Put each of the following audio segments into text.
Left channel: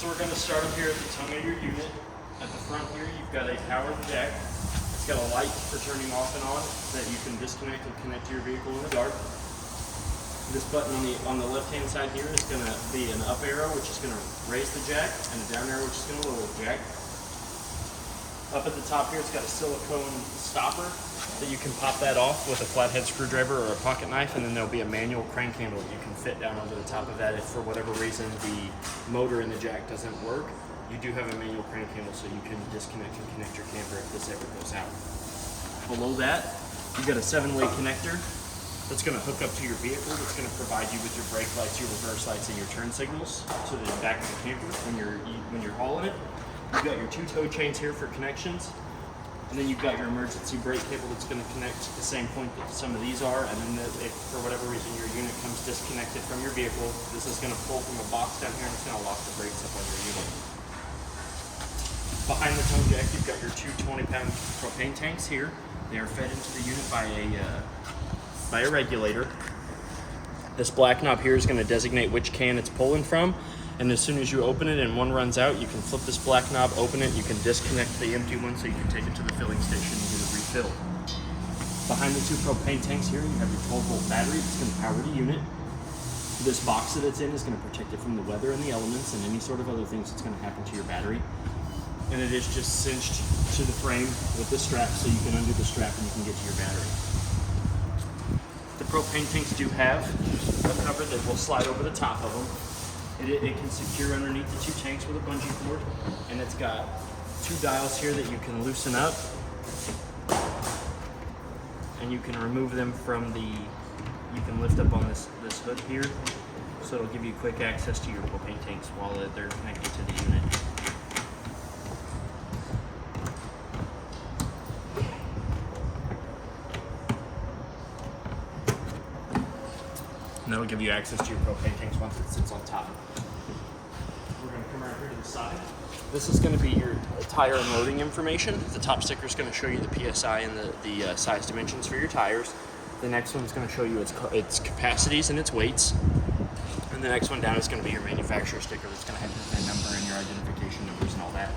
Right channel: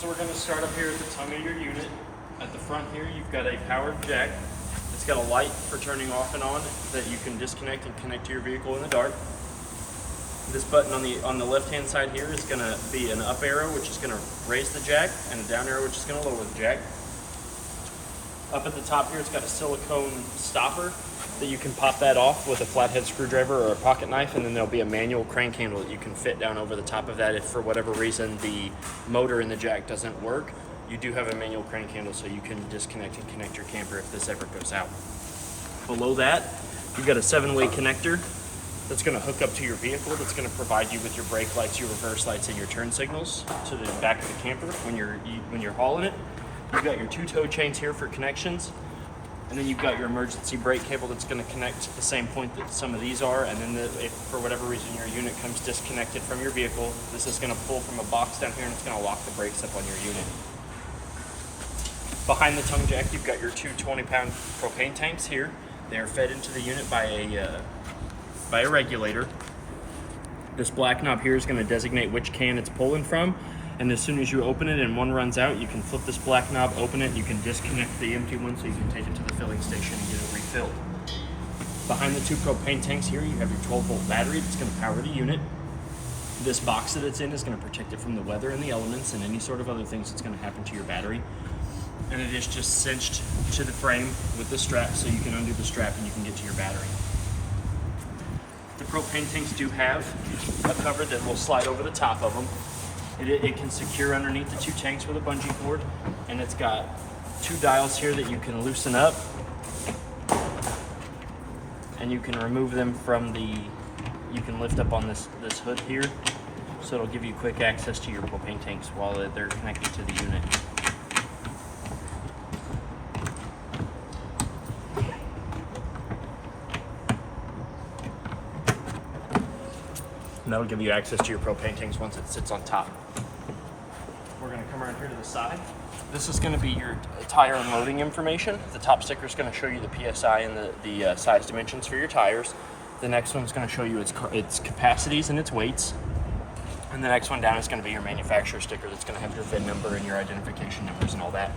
So we're going to start up here at the tongue of your unit. At the front here, you've got a powered jack. It's got a light for turning off and on that you can disconnect and connect to your vehicle in the dark. This button on the left-hand side here is going to be an up arrow, which is going to raise the jack, and a down arrow, which is going to lower the jack. Up at the top here, it's got a silicone stopper that you can pop that off with a flathead screwdriver or a pocket knife, and then there'll be a manual crank handle that you can fit down over the top of that if for whatever reason the motor in the jack doesn't work. You do have a manual crank handle so you can disconnect and connect your camper if this ever goes out. Below that, you've got a 7-way connector that's going to hook up to your vehicle, that's going to provide you with your brake lights, your reverse lights, and your turn signals to the back of the camper when you're hauling it. You've got your 2 tow chains here for connections, and then you've got your emergency brake cable that's going to connect to the same point that some of these are, and then if for whatever reason your unit comes disconnected from your vehicle, this is going to pull from a box down here and it's going to lock the brakes up on your unit. Behind the tongue jack, you've got your 2 20-pound propane tanks here. They are fed into the unit by a regulator. This black knob here is going to designate which can it's pulling from, and as soon as you open it and one runs out, you can flip this black knob, open it, you can disconnect the empty one so you can take it to the filling station and get it refilled. Behind the 2 propane tanks here, you have your 12-volt battery that's going to power the unit. This box that it's in is going to protect it from the weather and the elements and any sort of other things that's going to happen to your battery. And it is just cinched to the frame with this strap so you can undo the strap and you can get to your battery. The propane tanks do have a cover that will slide over the top of them. It can secure underneath the 2 tanks with a bungee cord, and it's got 2 dials here that you can loosen up, and you can remove them from you can lift up on this hood here, so it'll give you quick access to your propane tanks while they're connected to the unit. And that'll give you access to your propane tanks once it sits on top. We're going to come right here to the side. This is going to be your tire and loading information. The top sticker is going to show you the PSI and the size dimensions for your tires. The next one is going to show you its capacities and its weights. And the next one down is going to be your manufacturer sticker that's going to have your VIN number and your identification numbers and all that.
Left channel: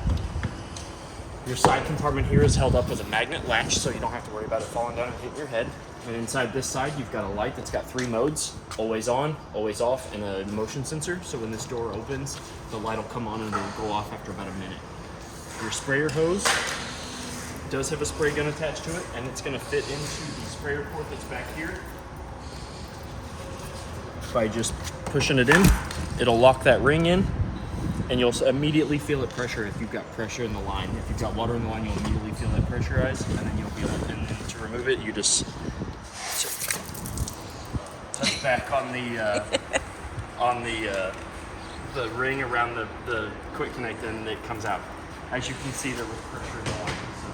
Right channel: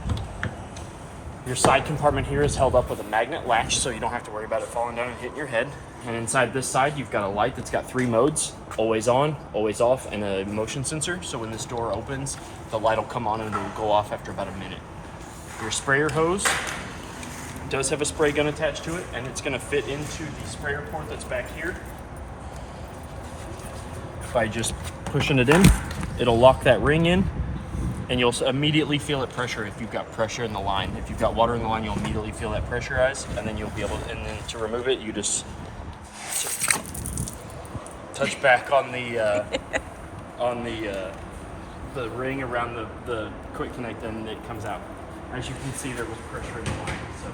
Your side compartment here is held up with a magnet latch, so you don't have to worry about it falling down and hitting your head. And inside this side, you've got a light that's got 3 modes: always on, always off, and a motion sensor. So when this door opens, the light will come on and it'll go off after about a minute. Your sprayer hose does have a spray gun attached to it, and it's going to fit into the sprayer port that's back here. By just pushing it in, it'll lock that ring in, and you'll immediately feel it pressure if you've got pressure in the line. If you've got water in the line, you'll immediately feel that pressurized, and then you'll be able to, and then to remove it, you just touch back on the ring around the quick connect, and it comes out. As you can see, there was pressure in the line. So,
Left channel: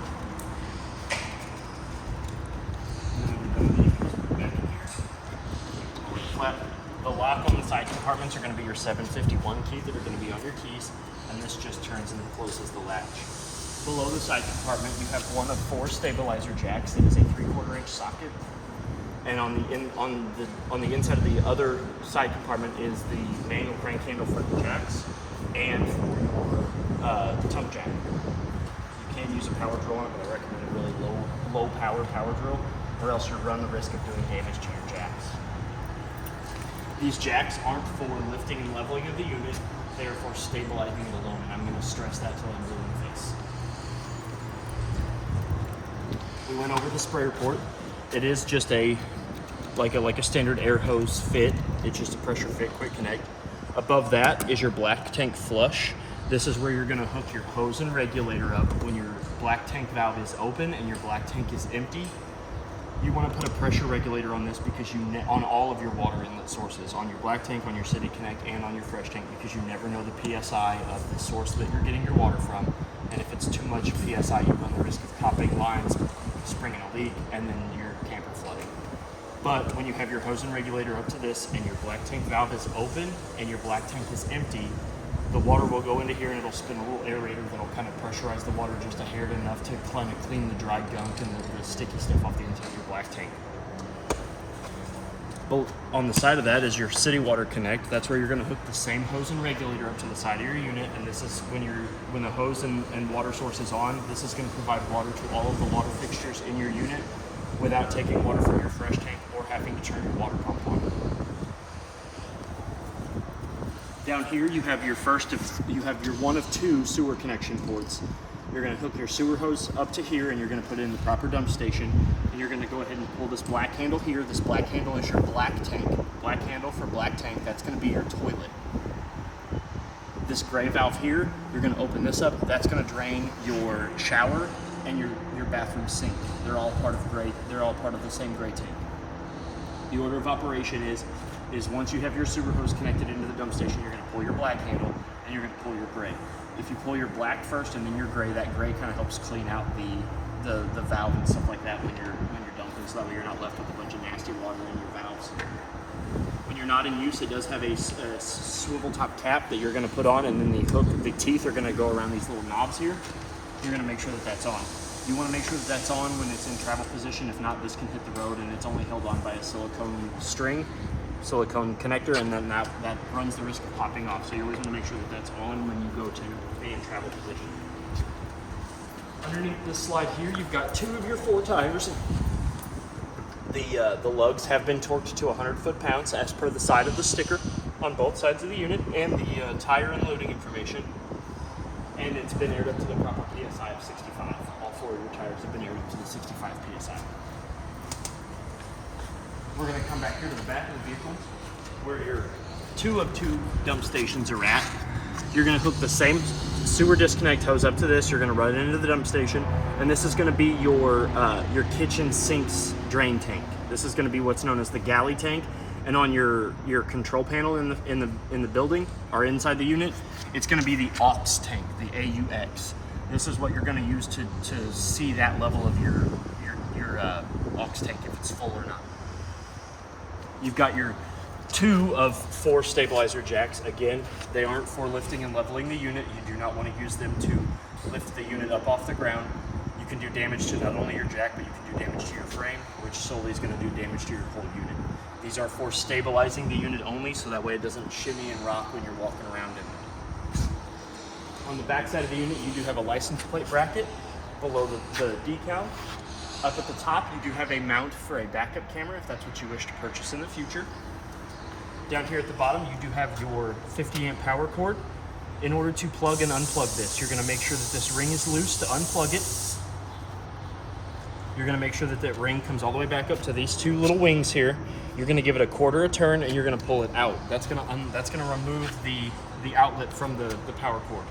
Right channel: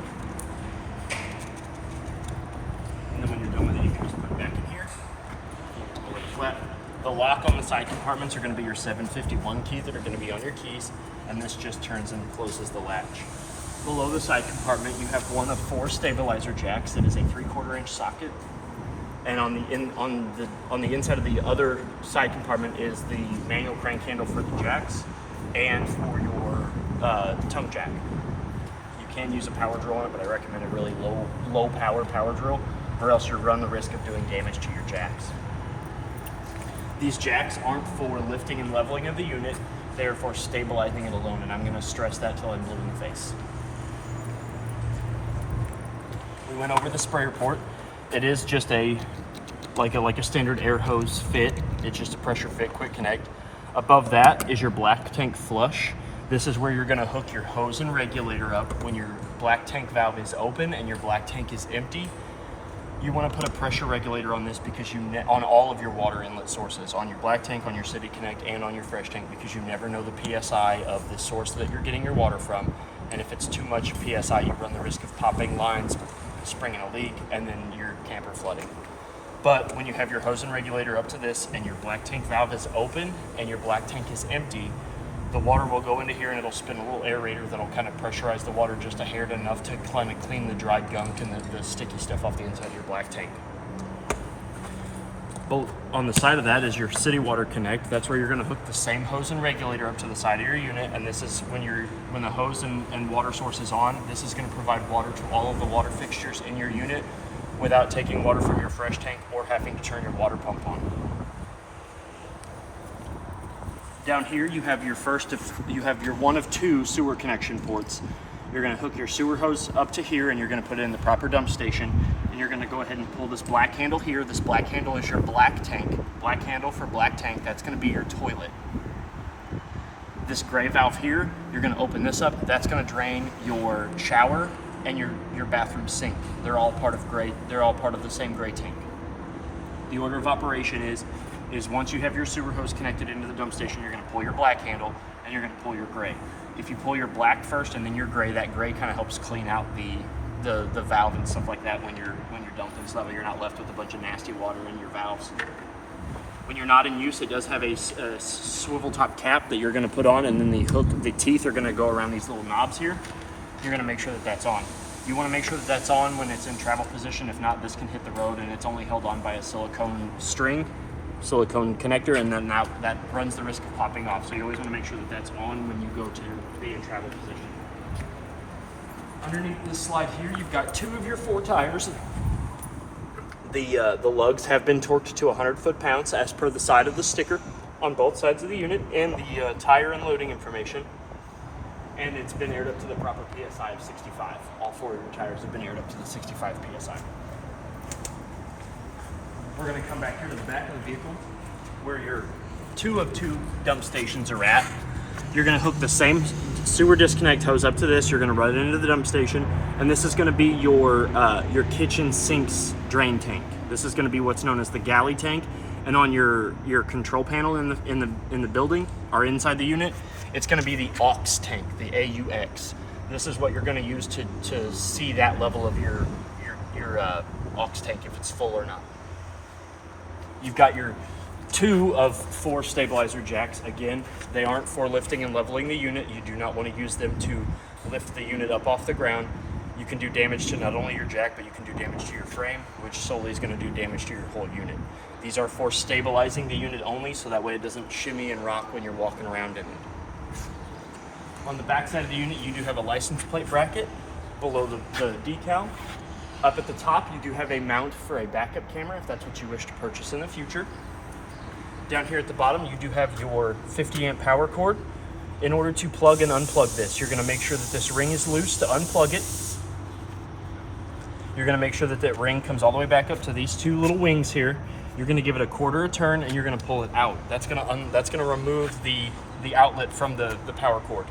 and then when you're done with it, you can just put it back in here. Over the flap. The lock on the side compartments are going to be your 751 key that are going to be on your keys, and this just turns and closes the latch. Below the side compartment, you have one of 4 stabilizer jacks that is a 3/4 inch socket, and on the inside of the other side compartment is the manual crank handle for the jacks and for your tongue jack. You can use a power drill on it, but I recommend a really low power drill, or else you run the risk of doing damage to your jacks. These jacks aren't for lifting and leveling of the unit, they are for stabilizing it alone, and I'm going to stress that till I'm blue in the face. We went over the sprayer port. It is just like a standard air hose fit. It's just a pressure fit, quick connect. Above that is your black tank flush. This is where you're going to hook your hose and regulator up when your black tank valve is open and your black tank is empty. You want to put a pressure regulator on this because on all of your water inlet sources, on your black tank, on your City Connect, and on your fresh tank, because you never know the PSI of the source that you're getting your water from. And if it's too much PSI, you run the risk of popping lines, springing a leak, and then your camper flooding. But when you have your hose and regulator up to this and your black tank valve is open and your black tank is empty, the water will go into here and it'll spin a little aerator that'll kind of pressurize the water just a hair enough to kind of clean the dry gunk and the sticky stuff off the inside of your black tank. On the side of that is your city water connect. That's where you're going to hook the same hose and regulator up to the side of your unit, and this is when the hose and water source is on, this is going to provide water to all of the water fixtures in your unit without taking water from your fresh tank or having to turn your water pump on. Down here you have your one of two sewer connection ports. You're going to hook your sewer hose up to here, and you're going to put it in the proper dump station, and you're going to go ahead and pull this black handle here. This black handle is your black tank. Black handle for black tank, that's going to be your toilet. This gray valve here, you're going to open this up. That's going to drain your shower and your bathroom sink. They're all part of the same gray tank. The order of operation is once you have your sewer hose connected into the dump station, you're going to pull your black handle and you're going to pull your gray. If you pull your black first and then your gray, that gray kind of helps clean out the valve and stuff like that when you're dumping, so that way you're not left with a bunch of nasty water in your valves. When you're not in use, it does have a swivel top cap that you're going to put on, and then the teeth are going to go around these little knobs here. You're going to make sure that that's on. You want to make sure that that's on when it's in travel position. If not, this can hit the road, and it's only held on by a silicone connector, and then that runs the risk of popping off. So you always want to make sure that that's on when you go to be in travel position. Underneath this slide here, you've got 2 of your 4 tires. The lugs have been torqued to 100 foot-pounds as per the side of the sticker on both sides of the unit, and the tire and loading information. And it's been aired up to the proper PSI of 65. All 4 of your tires have been aired up to the 65 PSI. We're going to come back here to the back of the vehicle where your 2 of 2 dump stations are at. You're going to hook the same sewer disconnect hose up to this. You're going to run it into the dump station, and this is going to be your kitchen sinks drain tank. This is going to be what's known as the galley tank. And on your control panel in the building or inside the unit, it's going to be the aux tank, the AUX. This is what you're going to use to see that level of your aux tank, if it's full or not. You've got your 2 of 4 stabilizer jacks. Again, they aren't for lifting and leveling the unit. You do not want to use them to lift the unit up off the ground. You can do damage to not only your jack, but you can do damage to your frame, which solely is going to do damage to your whole unit. These are for stabilizing the unit only, so that way it doesn't shimmy and rock when you're walking around in it. On the back side of the unit, you do have a license plate bracket below the decal. Up at the top, you do have a mount for a backup camera if that's what you wish to purchase in the future. Down here at the bottom, you do have your 50 amp power cord. In order to plug and unplug this, you're going to make sure that this ring is loose to unplug it. You're going to make sure that that ring comes all the way back up to these 2 little wings here. You're going to give it a quarter a turn, and you're going to pull it out. That's going to remove the outlet from the power cord.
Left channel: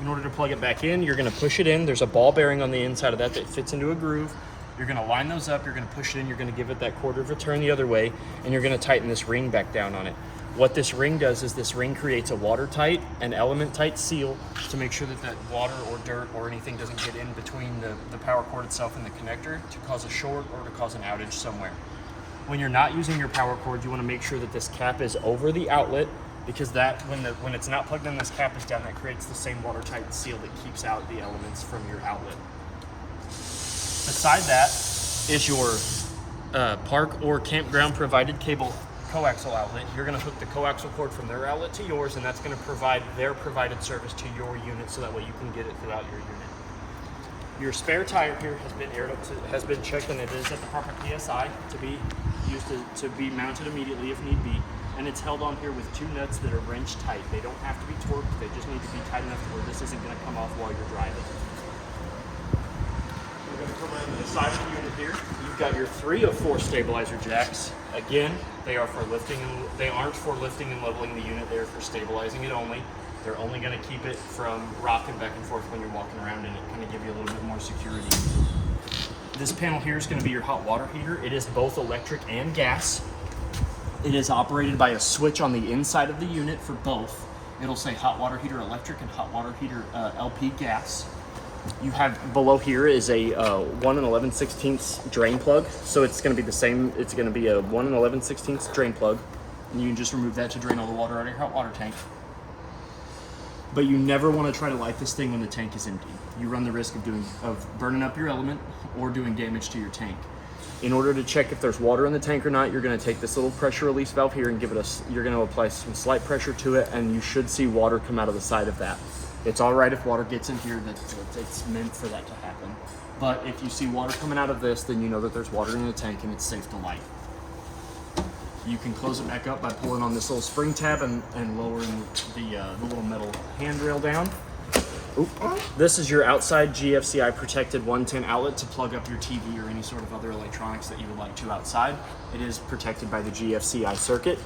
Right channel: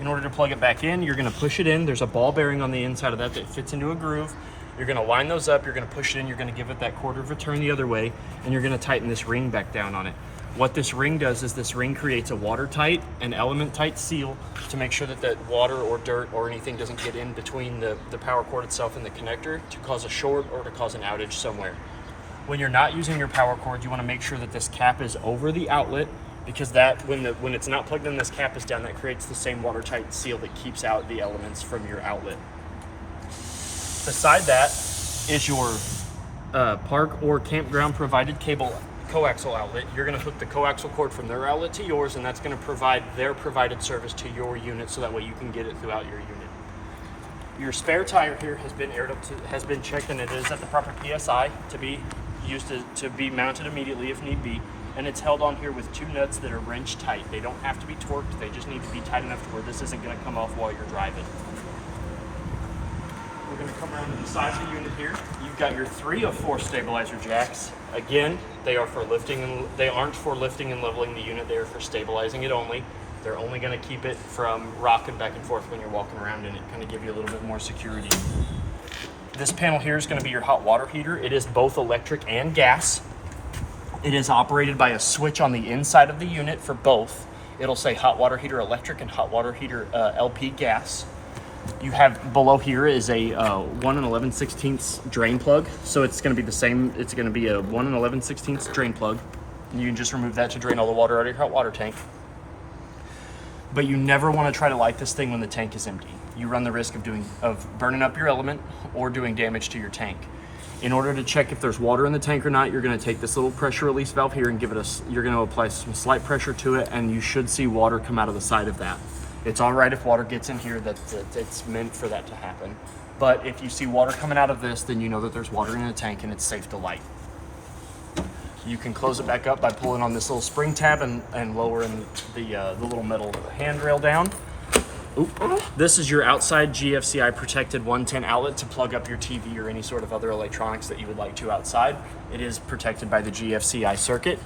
In order to plug it back in, you're going to push it in. There's a ball bearing on the inside of that fits into a groove. You're going to line those up. You're going to push it in. You're going to give it that quarter of a turn the other way, and you're going to tighten this ring back down on it. What this ring does is this ring creates a watertight and element-tight seal to make sure that water or dirt or anything doesn't get in between the power cord itself and the connector to cause a short or to cause an outage somewhere. When you're not using your power cord, you want to make sure that this cap is over the outlet, because when it's not plugged in, this cap is down. That creates the same watertight seal that keeps out the elements from your outlet. Beside that is your park or campground provided cable coaxial outlet. You're going to hook the coaxial cord from their outlet to yours, and that's going to provide their provided service to your unit, so that way you can get it throughout your unit. Your spare tire here has been checked, and it is at the proper PSI to be used to be mounted immediately if need be. And it's held on here with 2 nuts that are wrench tight. They don't have to be torqued, they just need to be tight enough to where this isn't going to come off while you're driving. We're going to come around to the side of the unit here. You've got your 3 of 4 stabilizer jacks. Again, they aren't for lifting and leveling the unit. They are for stabilizing it only. They're only going to keep it from rocking back and forth when you're walking around in it, kind of give you a little bit more security. This panel here is going to be your hot water heater. It is both electric and gas. It is operated by a switch on the inside of the unit for both. It'll say hot water heater electric and hot water heater LP gas. You have below here is a 1 11/16 drain plug. So it's going to be the same. It's going to be a 1 11/16 drain plug. And you can just remove that to drain all the water out of your hot water tank. But you never want to try to light this thing when the tank is empty. You run the risk of burning up your element or doing damage to your tank. In order to check if there's water in the tank or not, you're gonna take this little pressure release valve here and give it you're gonna apply some slight pressure to it, and you should see water come out of the side of that. It's all right if water gets in here, it's meant for that to happen. But if you see water coming out of this, then you know that there's water in the tank and it's safe to light. You can close it back up by pulling on this little spring tab and lowering the little metal handrail down. This is your outside GFCI protected 110 outlet to plug up your TV or any sort of other electronics that you would like to outside. It is protected by the GFCI circuit.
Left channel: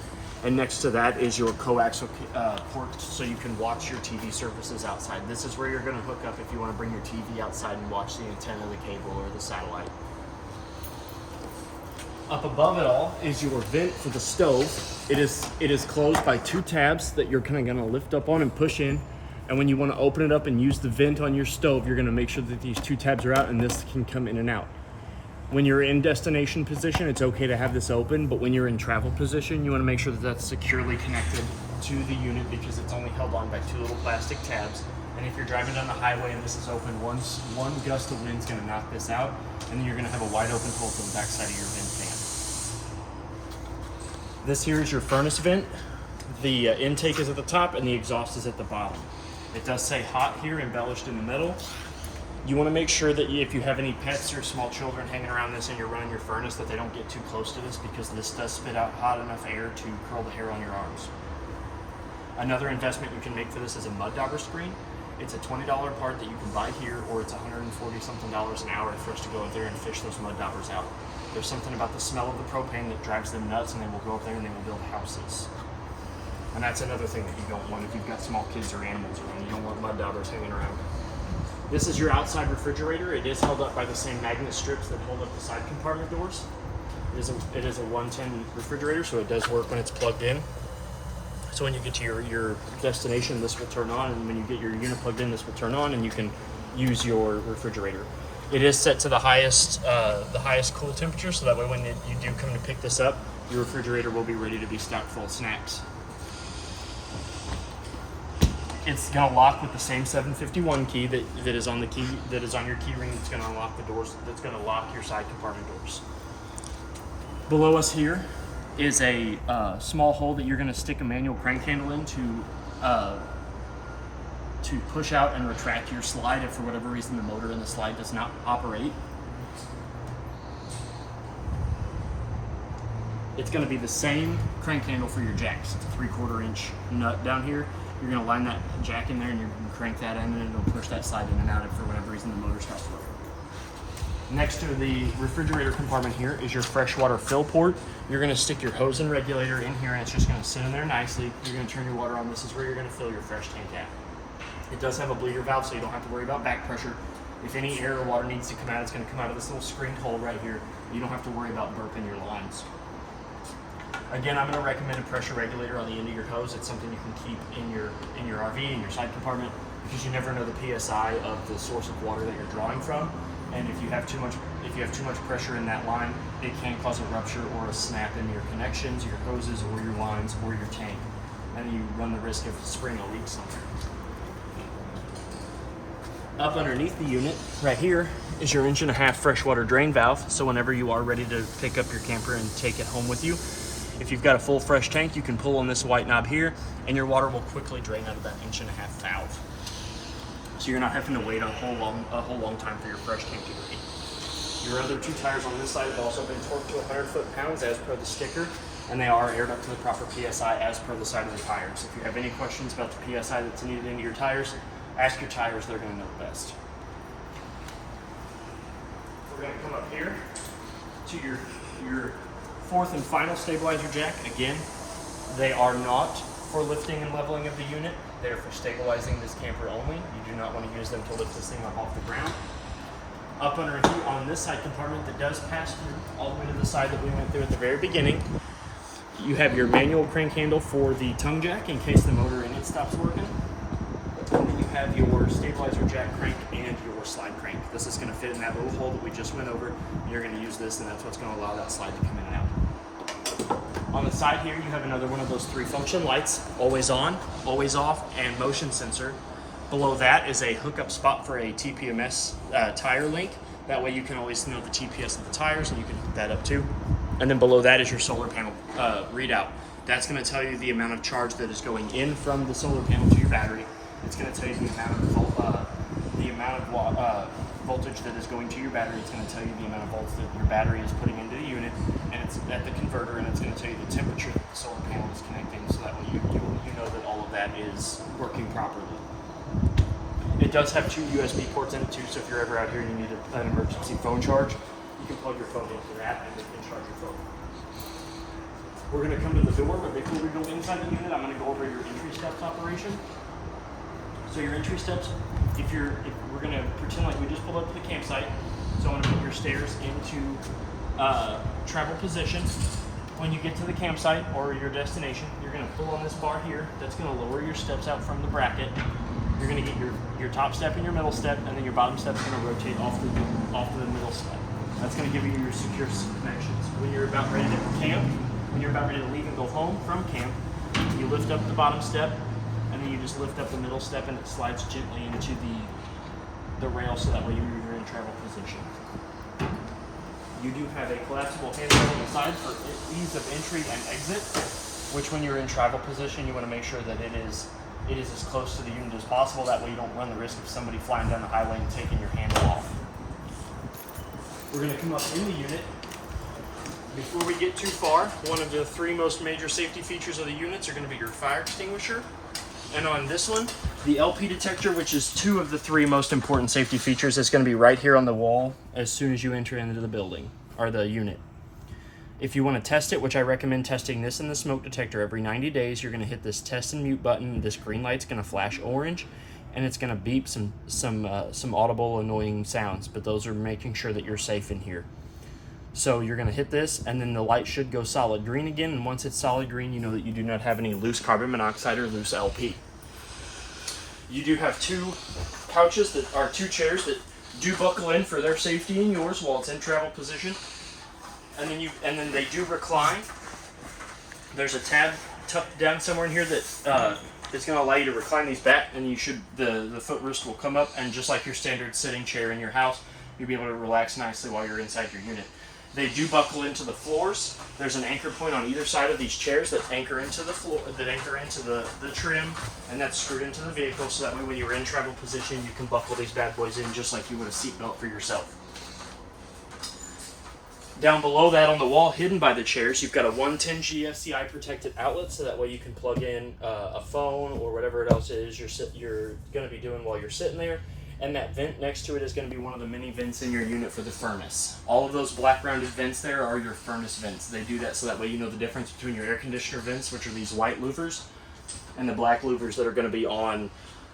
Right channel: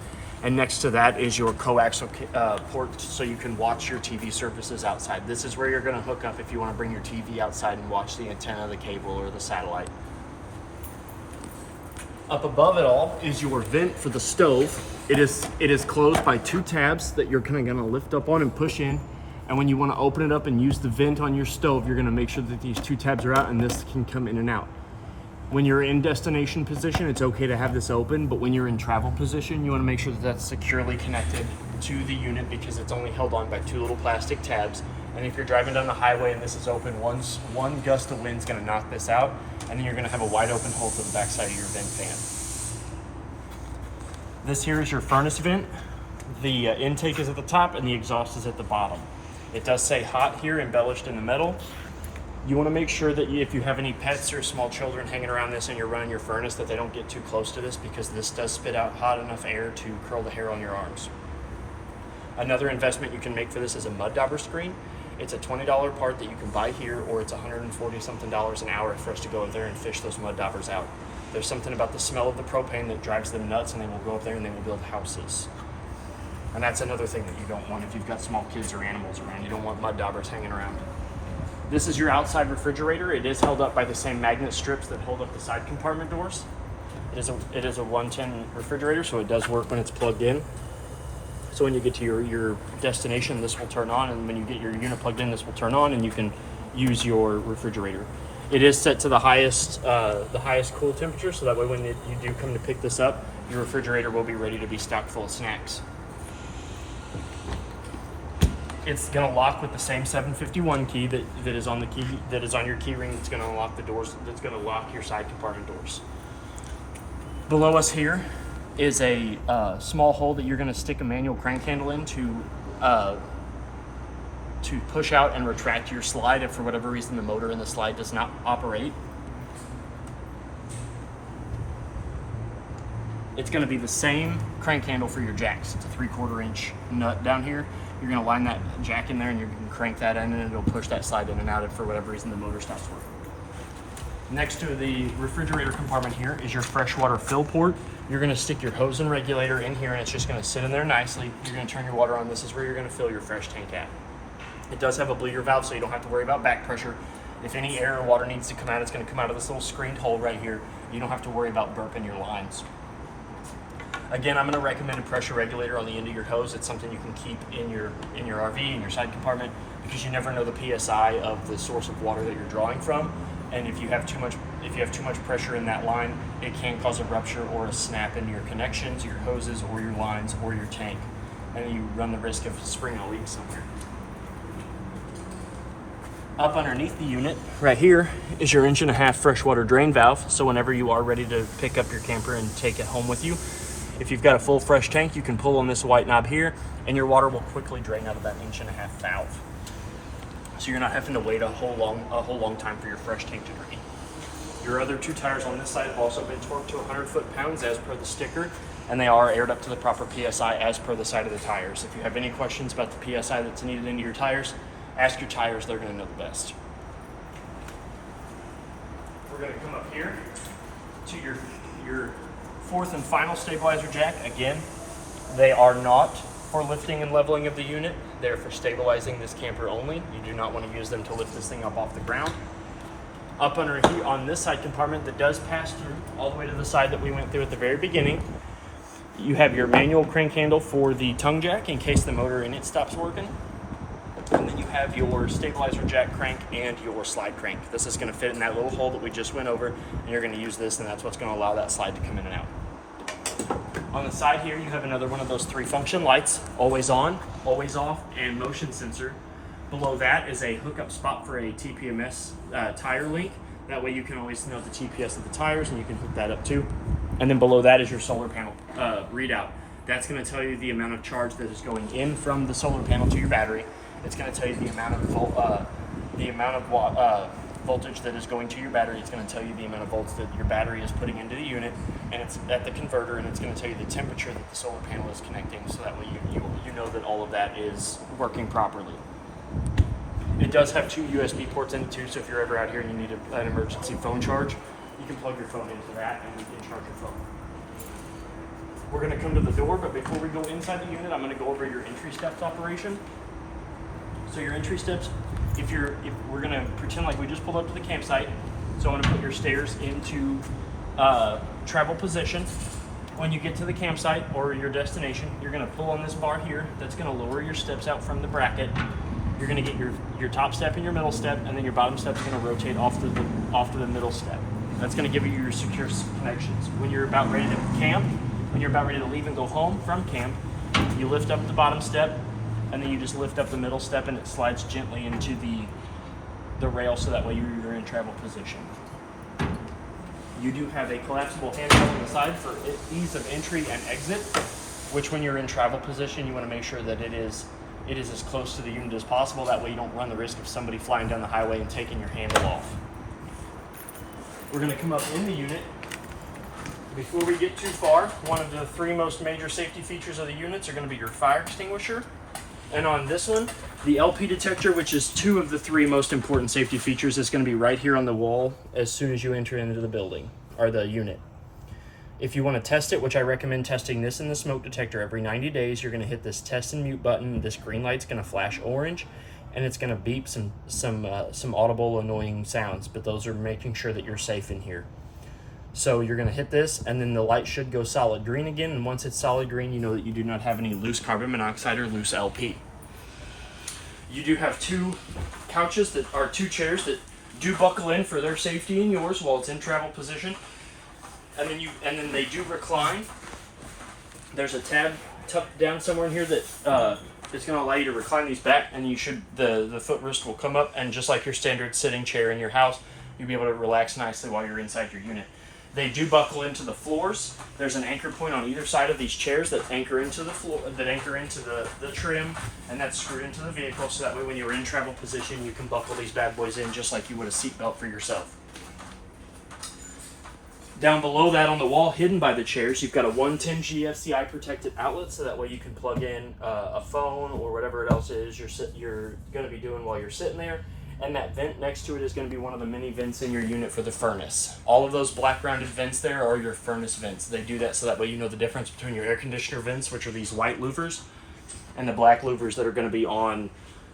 And next to that is your coaxial port so you can watch your TV services outside. This is where you're gonna hook up if you wanna bring your TV outside and watch the antenna, the cable, or the satellite. Up above it all is your vent for the stove. It is closed by 2 tabs that you're kinda gonna lift up on and push in. And when you want to open it up and use the vent on your stove, you're going to make sure that these 2 tabs are out and this can come in and out. When you're in destination position, it's okay to have this open, but when you're in travel position, you want to make sure that that's securely connected to the unit because it's only held on by 2 little plastic tabs. And if you're driving down the highway and this is open, one gust of wind is going to knock this out, and then you're going to have a wide open hole to the backside of your vent fan. This here is your furnace vent. The intake is at the top and the exhaust is at the bottom. It does say hot here, embellished in the metal. You want to make sure that if you have any pets or small children hanging around this and you're running your furnace, that they don't get too close to this because this does spit out hot enough air to curl the hair on your arms. Another investment you can make for this is a mud dauber screen. It's a $20 part that you can buy here, or it's $140 something an hour for us to go up there and fish those mud daubers out. There's something about the smell of the propane that drives them nuts, and they will go up there and they will build houses. And that's another thing that you don't want if you've got small kids or animals around. You don't want mud daubers hanging around. This is your outside refrigerator. It is held up by the same magnet strips that hold up the side compartment doors. It is a 110 refrigerator, so it does work when it's plugged in. So when you get to your destination, this will turn on, and when you get your unit plugged in, this will turn on, and you can use your refrigerator. It is set to the highest cool temperature, so that way when you do come to pick this up, your refrigerator will be ready to be stocked full of snacks. It's gonna lock with the same 751 key that is on your key ring. That's gonna unlock the doors. That's gonna lock your side compartment doors. Below us here is a small hole that you're gonna stick a manual crank handle in to push out and retract your slide if for whatever reason the motor in the slide does not operate. It's gonna be the same crank handle for your jacks. It's a 3/4 inch nut down here. You're gonna line that jack in there and you're gonna crank that in and it'll push that slide in and out if for whatever reason the motor stops working. Next to the refrigerator compartment here is your freshwater fill port. You're gonna stick your hose and regulator in here and it's just gonna sit in there nicely. You're gonna turn your water on. This is where you're gonna fill your fresh tank at. It does have a bleeder valve, so you don't have to worry about back pressure. If any air or water needs to come out, it's gonna come out of this little screened hole right here. You don't have to worry about burping your lines. Again, I'm going to recommend a pressure regulator on the end of your hose. It's something you can keep in your RV, in your side compartment, because you never know the PSI of the source of water that you're drawing from. And if you have too much pressure in that line, it can cause a rupture or a snap in your connections, your hoses, or your lines, or your tank. And you run the risk of springing a leak somewhere. Up underneath the unit, right here, is your 1.5 inch freshwater drain valve. So whenever you are ready to pick up your camper and take it home with you, if you've got a full fresh tank, you can pull on this white knob here and your water will quickly drain out of that 1.5 inch valve. So you're not having to wait a whole long time for your fresh tank to drain. Your other 2 tires on this side have also been torqued to 100 foot-pounds as per the sticker, and they are aired up to the proper PSI as per the side of the tires. If you have any questions about the PSI that's needed into your tires, ask your tires, they're gonna know the best. We're gonna come up here to your 4th and final stabilizer jack. Again, they are not for lifting and leveling of the unit. They're for stabilizing this camper only. You do not want to use them to lift this thing up off the ground. Up underneath on this side compartment that does pass through all the way to the side that we went through at the very beginning, you have your manual crank handle for the tongue jack in case the motor in it stops working. And then you have your stabilizer jack crank and your slide crank. This is going to fit in that little hole that we just went over, and you're going to use this, and that's what's going to allow that slide to come in and out. On the side here, you have another one of those 3 function lights: always on, always off, and motion sensor. Below that is a hookup spot for a TPMS tire link. That way you can always know the TPS of the tires, and you can hook that up too. And then below that is your solar panel readout. That's going to tell you the amount of charge that is going in from the solar panel to your battery. It's going to tell you the amount of voltage that is going to your battery. It's going to tell you the amount of volts that your battery is putting into the unit, and it's at the converter, and it's going to tell you the temperature that the solar panel is connecting, so that way you know that all of that is working properly. It does have 2 USB ports in it too, so if you're ever out here and you need an emergency phone charge, you can plug your phone into that and you can charge your phone. We're going to come to the door, but before we go inside the unit, I'm going to go over your entry steps operation. So your entry steps, if we're going to pretend like we just pulled up to the campsite, so I'm going to put your stairs into travel position. When you get to the campsite or your destination, you're going to pull on this bar here. That's going to lower your steps out from the bracket. You're going to get your top step and your middle step, and then your bottom step is going to rotate off to the middle step. That's going to give you your secure connections. When you're about ready to camp, when you're about ready to leave and go home from camp, you lift up the bottom step, and then you just lift up the middle step, and it slides gently into the rail, so that way you're in travel position. You do have a collapsible handrail on the side for ease of entry and exit, which when you're in travel position, you want to make sure that it is as close to the unit as possible. That way you don't run the risk of somebody flying down the highway and taking your handle off. We're going to come up in the unit. Before we get too far, one of the 3 most major safety features of the units are going to be your fire extinguisher. And on this one, the LP detector, which is 2 of the 3 most important safety features, is going to be right here on the wall as soon as you enter into the building, or the unit. If you want to test it, which I recommend testing this in the smoke detector every 90 days, you're going to hit this test and mute button. This green light's going to flash orange, and it's going to beep some audible annoying sounds, but those are making sure that you're safe in here. So you're going to hit this, and then the light should go solid green again, and once it's solid green, you know that you do not have any loose carbon monoxide or loose LP. You do have 2 couches that are 2 chairs that do buckle in for their safety and yours while it's in travel position. And then they do recline. There's a tab tucked down somewhere in here that is going to allow you to recline these back, and the footrest will come up, and just like your standard sitting chair in your house, you'll be able to relax nicely while you're inside your unit. They do buckle into the floors. There's an anchor point on either side of these chairs that anchor into the floor, that anchor into the trim, and that's screwed into the vehicle, so that way when you're in travel position, you can buckle these bad boys in just like you would a seatbelt for yourself. Down below that on the wall, hidden by the chairs, you've got a 110 GFCI protected outlet, so that way you can plug in a phone or whatever else it is you're going to be doing while you're sitting there. And that vent next to it is going to be one of the mini vents in your unit for the furnace. All of those black rounded vents there are your furnace vents. They do that so that way you know the difference between your air conditioner vents, which are these white louvers, and the black louvers that are going to be on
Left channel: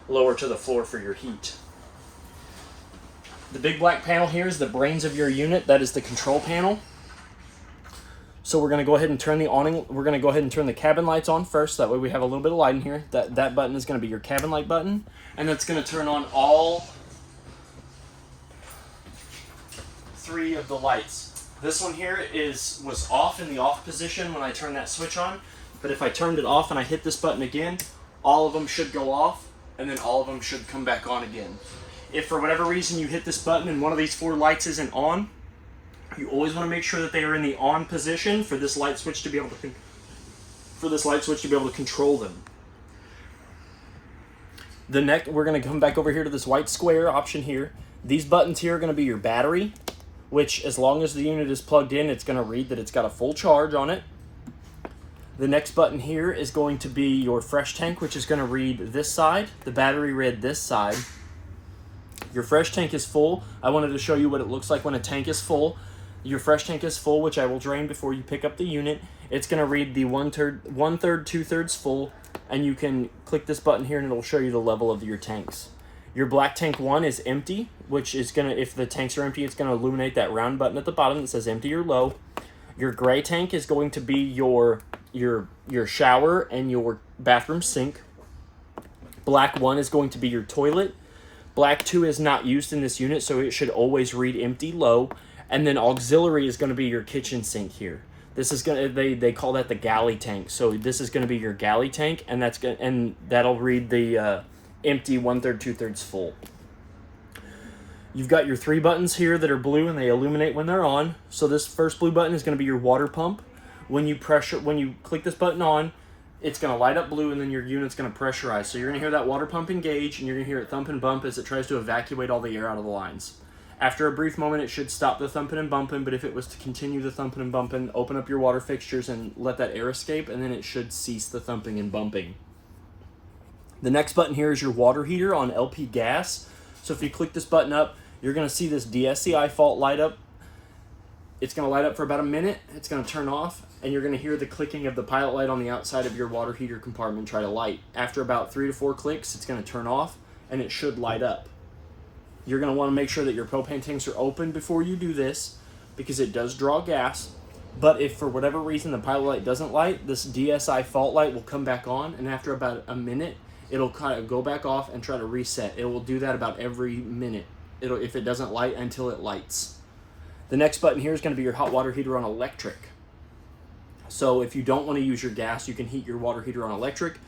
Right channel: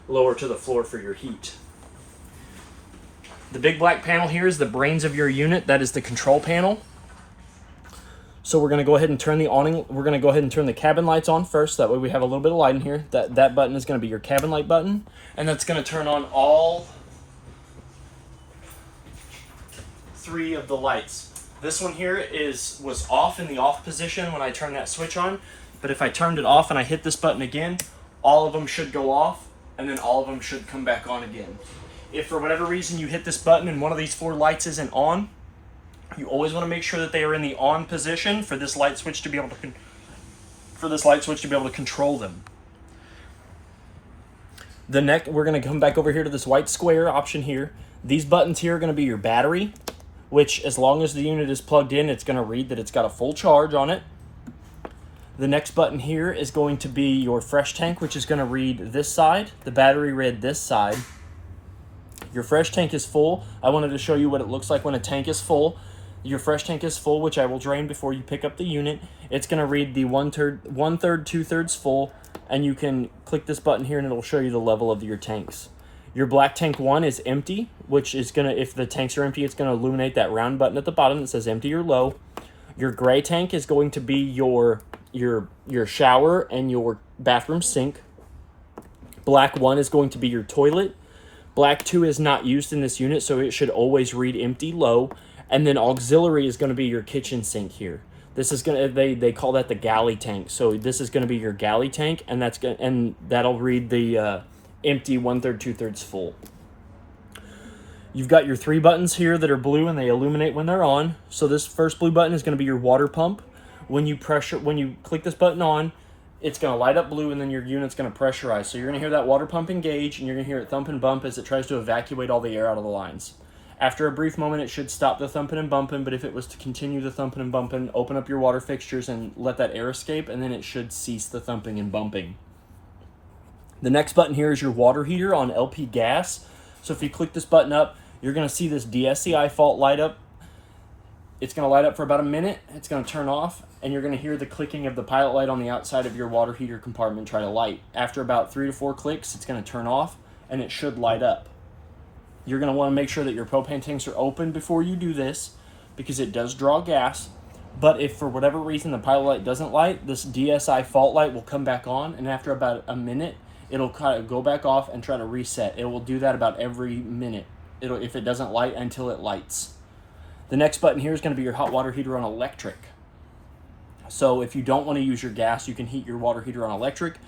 lower to the floor for your heat. The big black panel here is the brains of your unit. That is the control panel. So we're going to go ahead and turn the awning. We're going to go ahead and turn the cabin lights on first. That way we have a little bit of light in here. That button is going to be your cabin light button. And that's going to turn on all 3 of the lights. This one here was off in the off position when I turned that switch on. But if I turned it off and I hit this button again, all of them should go off, and then all of them should come back on again. If for whatever reason you hit this button and one of these 4 lights isn't on, you always want to make sure that they are in the on position for this light switch to be able to control them. We're going to come back over here to this white square option here. These buttons here are going to be your battery, which as long as the unit is plugged in, it's going to read that it's got a full charge on it. The next button here is going to be your fresh tank, which is going to read this side. The battery read this side. Your fresh tank is full. I wanted to show you what it looks like when a tank is full. Your fresh tank is full, which I will drain before you pick up the unit. It's going to read the 1/3, 2/3 full, and you can click this button here and it will show you the level of your tanks. Your black tank 1 is empty, which is going to, if the tanks are empty, it's going to illuminate that round button at the bottom that says empty or low. Your gray tank is going to be your shower and your bathroom sink. Black 1 is going to be your toilet. Black 2 is not used in this unit, so it should always read empty low. And then auxiliary is going to be your kitchen sink here. This is going to, they call that the galley tank. So this is going to be your galley tank, and that'll read the empty 1/3, 2/3 full. You've got your 3 buttons here that are blue and they illuminate when they're on. So this first blue button is going to be your water pump. When you click this button on, it's going to light up blue and then your unit's going to pressurize. So you're going to hear that water pump engage and you're going to hear it thump and bump as it tries to evacuate all the air out of the lines. After a brief moment, it should stop the thumping and bumping, but if it was to continue the thumping and bumping, open up your water fixtures and let that air escape, and then it should cease the thumping and bumping. The next button here is your water heater on LP gas. So if you click this button up, you're going to see this DSCI fault light up. It's going to light up for about a minute. It's going to turn off, and you're going to hear the clicking of the pilot light on the outside of your water heater compartment try to light. After about 3 to 4 clicks, it's going to turn off, and it should light up. You're going to want to make sure that your propane tanks are open before you do this, because it does draw gas. But if for whatever reason the pilot light doesn't light, this DSI fault light will come back on, and after about a minute, it'll kind of go back off and try to reset. It will do that about every minute if it doesn't light until it lights. The next button here is going to be your hot water heater on electric. So if you don't want to use your gas, you can heat your water heater on electric.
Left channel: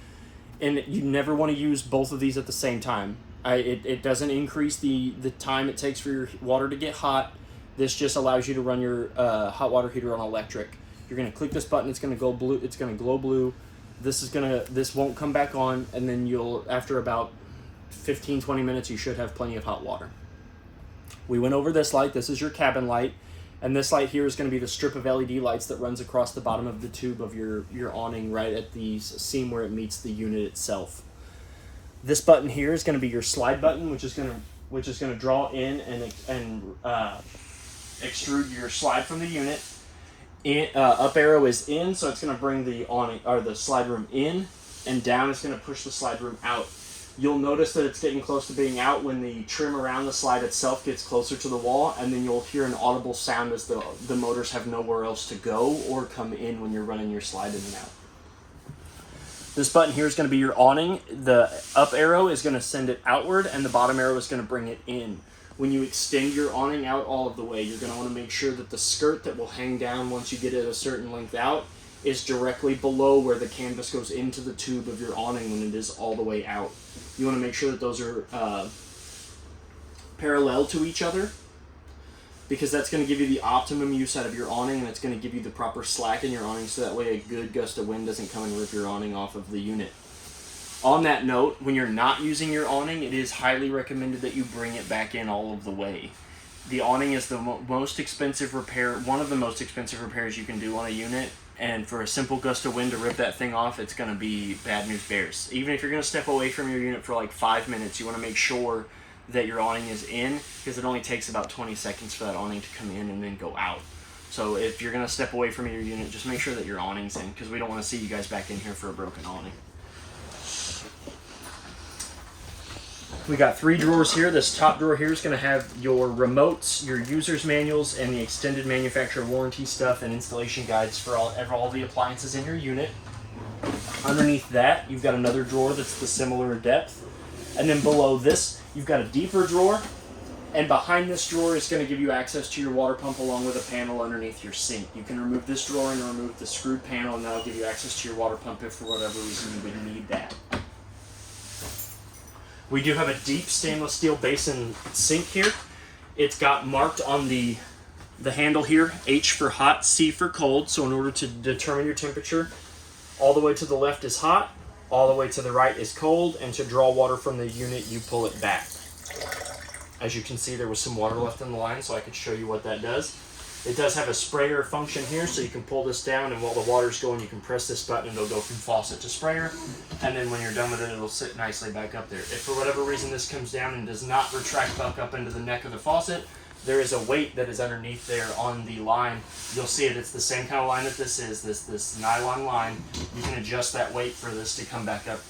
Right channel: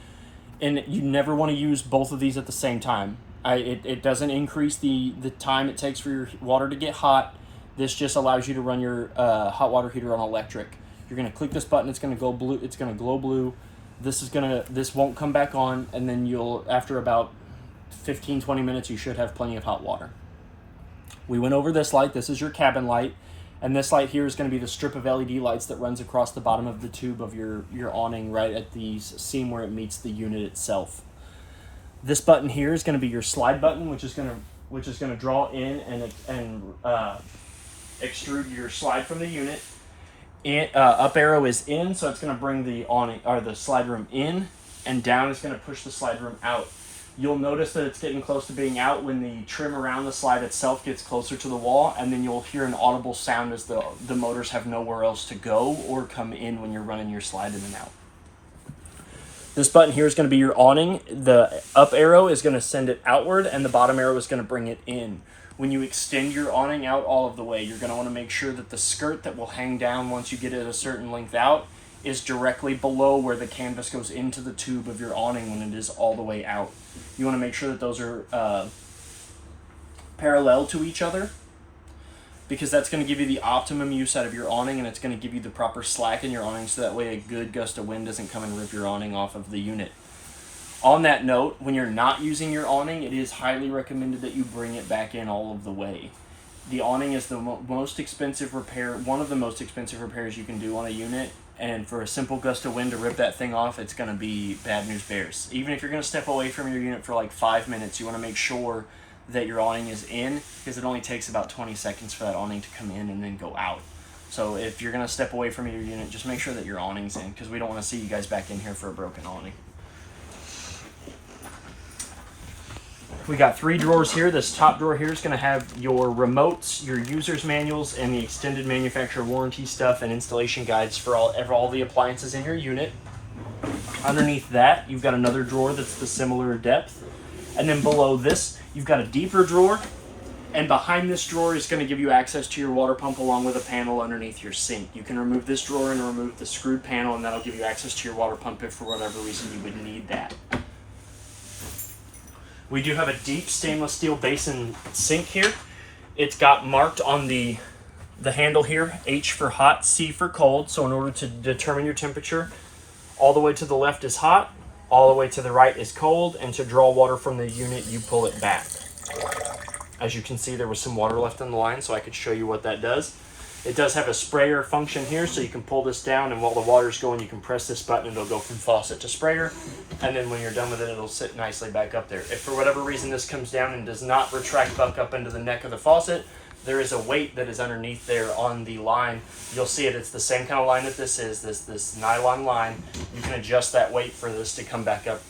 And you never want to use both of these at the same time. It doesn't increase the time it takes for your water to get hot. This just allows you to run your hot water heater on electric. You're going to click this button. It's going to go blue. It's going to glow blue. This won't come back on, and then after about 15-20 minutes, you should have plenty of hot water. We went over this light. This is your cabin light, and this light here is going to be the strip of LED lights that runs across the bottom of the tube of your awning right at the seam where it meets the unit itself. This button here is going to be your slide button, which is going to draw in and extrude your slide from the unit. And, up arrow is in, so it's going to bring the awning or the slide room in, and down is going to push the slide room out. You'll notice that it's getting close to being out when the trim around the slide itself gets closer to the wall, and then you'll hear an audible sound as the motors have nowhere else to go or come in when you're running your slide in and out. This button here is going to be your awning. The up arrow is going to send it outward, and the bottom arrow is going to bring it in. When you extend your awning out all of the way, you're going to want to make sure that the skirt that will hang down once you get it a certain length out is directly below where the canvas goes into the tube of your awning when it is all the way out. You want to make sure that those are parallel to each other, because that's going to give you the optimum use out of your awning, and it's going to give you the proper slack in your awning, so that way a good gust of wind doesn't come and rip your awning off of the unit. On that note, when you're not using your awning, it is highly recommended that you bring it back in all of the way. The awning is the most expensive repair, one of the most expensive repairs you can do on a unit, and for a simple gust of wind to rip that thing off, it's going to be bad news bears. Even if you're going to step away from your unit for like 5 minutes, you want to make sure that your awning is in, because it only takes about 20 seconds for that awning to come in and then go out. So if you're going to step away from your unit, just make sure that your awning's in, because we don't want to see you guys back in here for a broken awning. We got 3 drawers here. This top drawer here is going to have your remotes, your user's manuals, and the extended manufacturer warranty stuff and installation guides for all the appliances in your unit. Underneath that, you've got another drawer that's the similar depth. And then below this, you've got a deeper drawer. And behind this drawer is going to give you access to your water pump along with a panel underneath your sink. You can remove this drawer and remove the screwed panel, and that'll give you access to your water pump if for whatever reason you would need that. We do have a deep stainless steel basin sink here. It's got marked on the handle here, H for hot, C for cold. So in order to determine your temperature, all the way to the left is hot, all the way to the right is cold, and to draw water from the unit, you pull it back. As you can see, there was some water left in the line, so I could show you what that does. It does have a sprayer function here, so you can pull this down, and while the water's going, you can press this button, and it'll go from faucet to sprayer, and then when you're done with it, it'll sit nicely back up there. If for whatever reason this comes down and does not retract back up into the neck of the faucet, there is a weight that is underneath there on the line. You'll see it, it's the same kind of line that this is, this nylon line. You can adjust that weight for this to come back up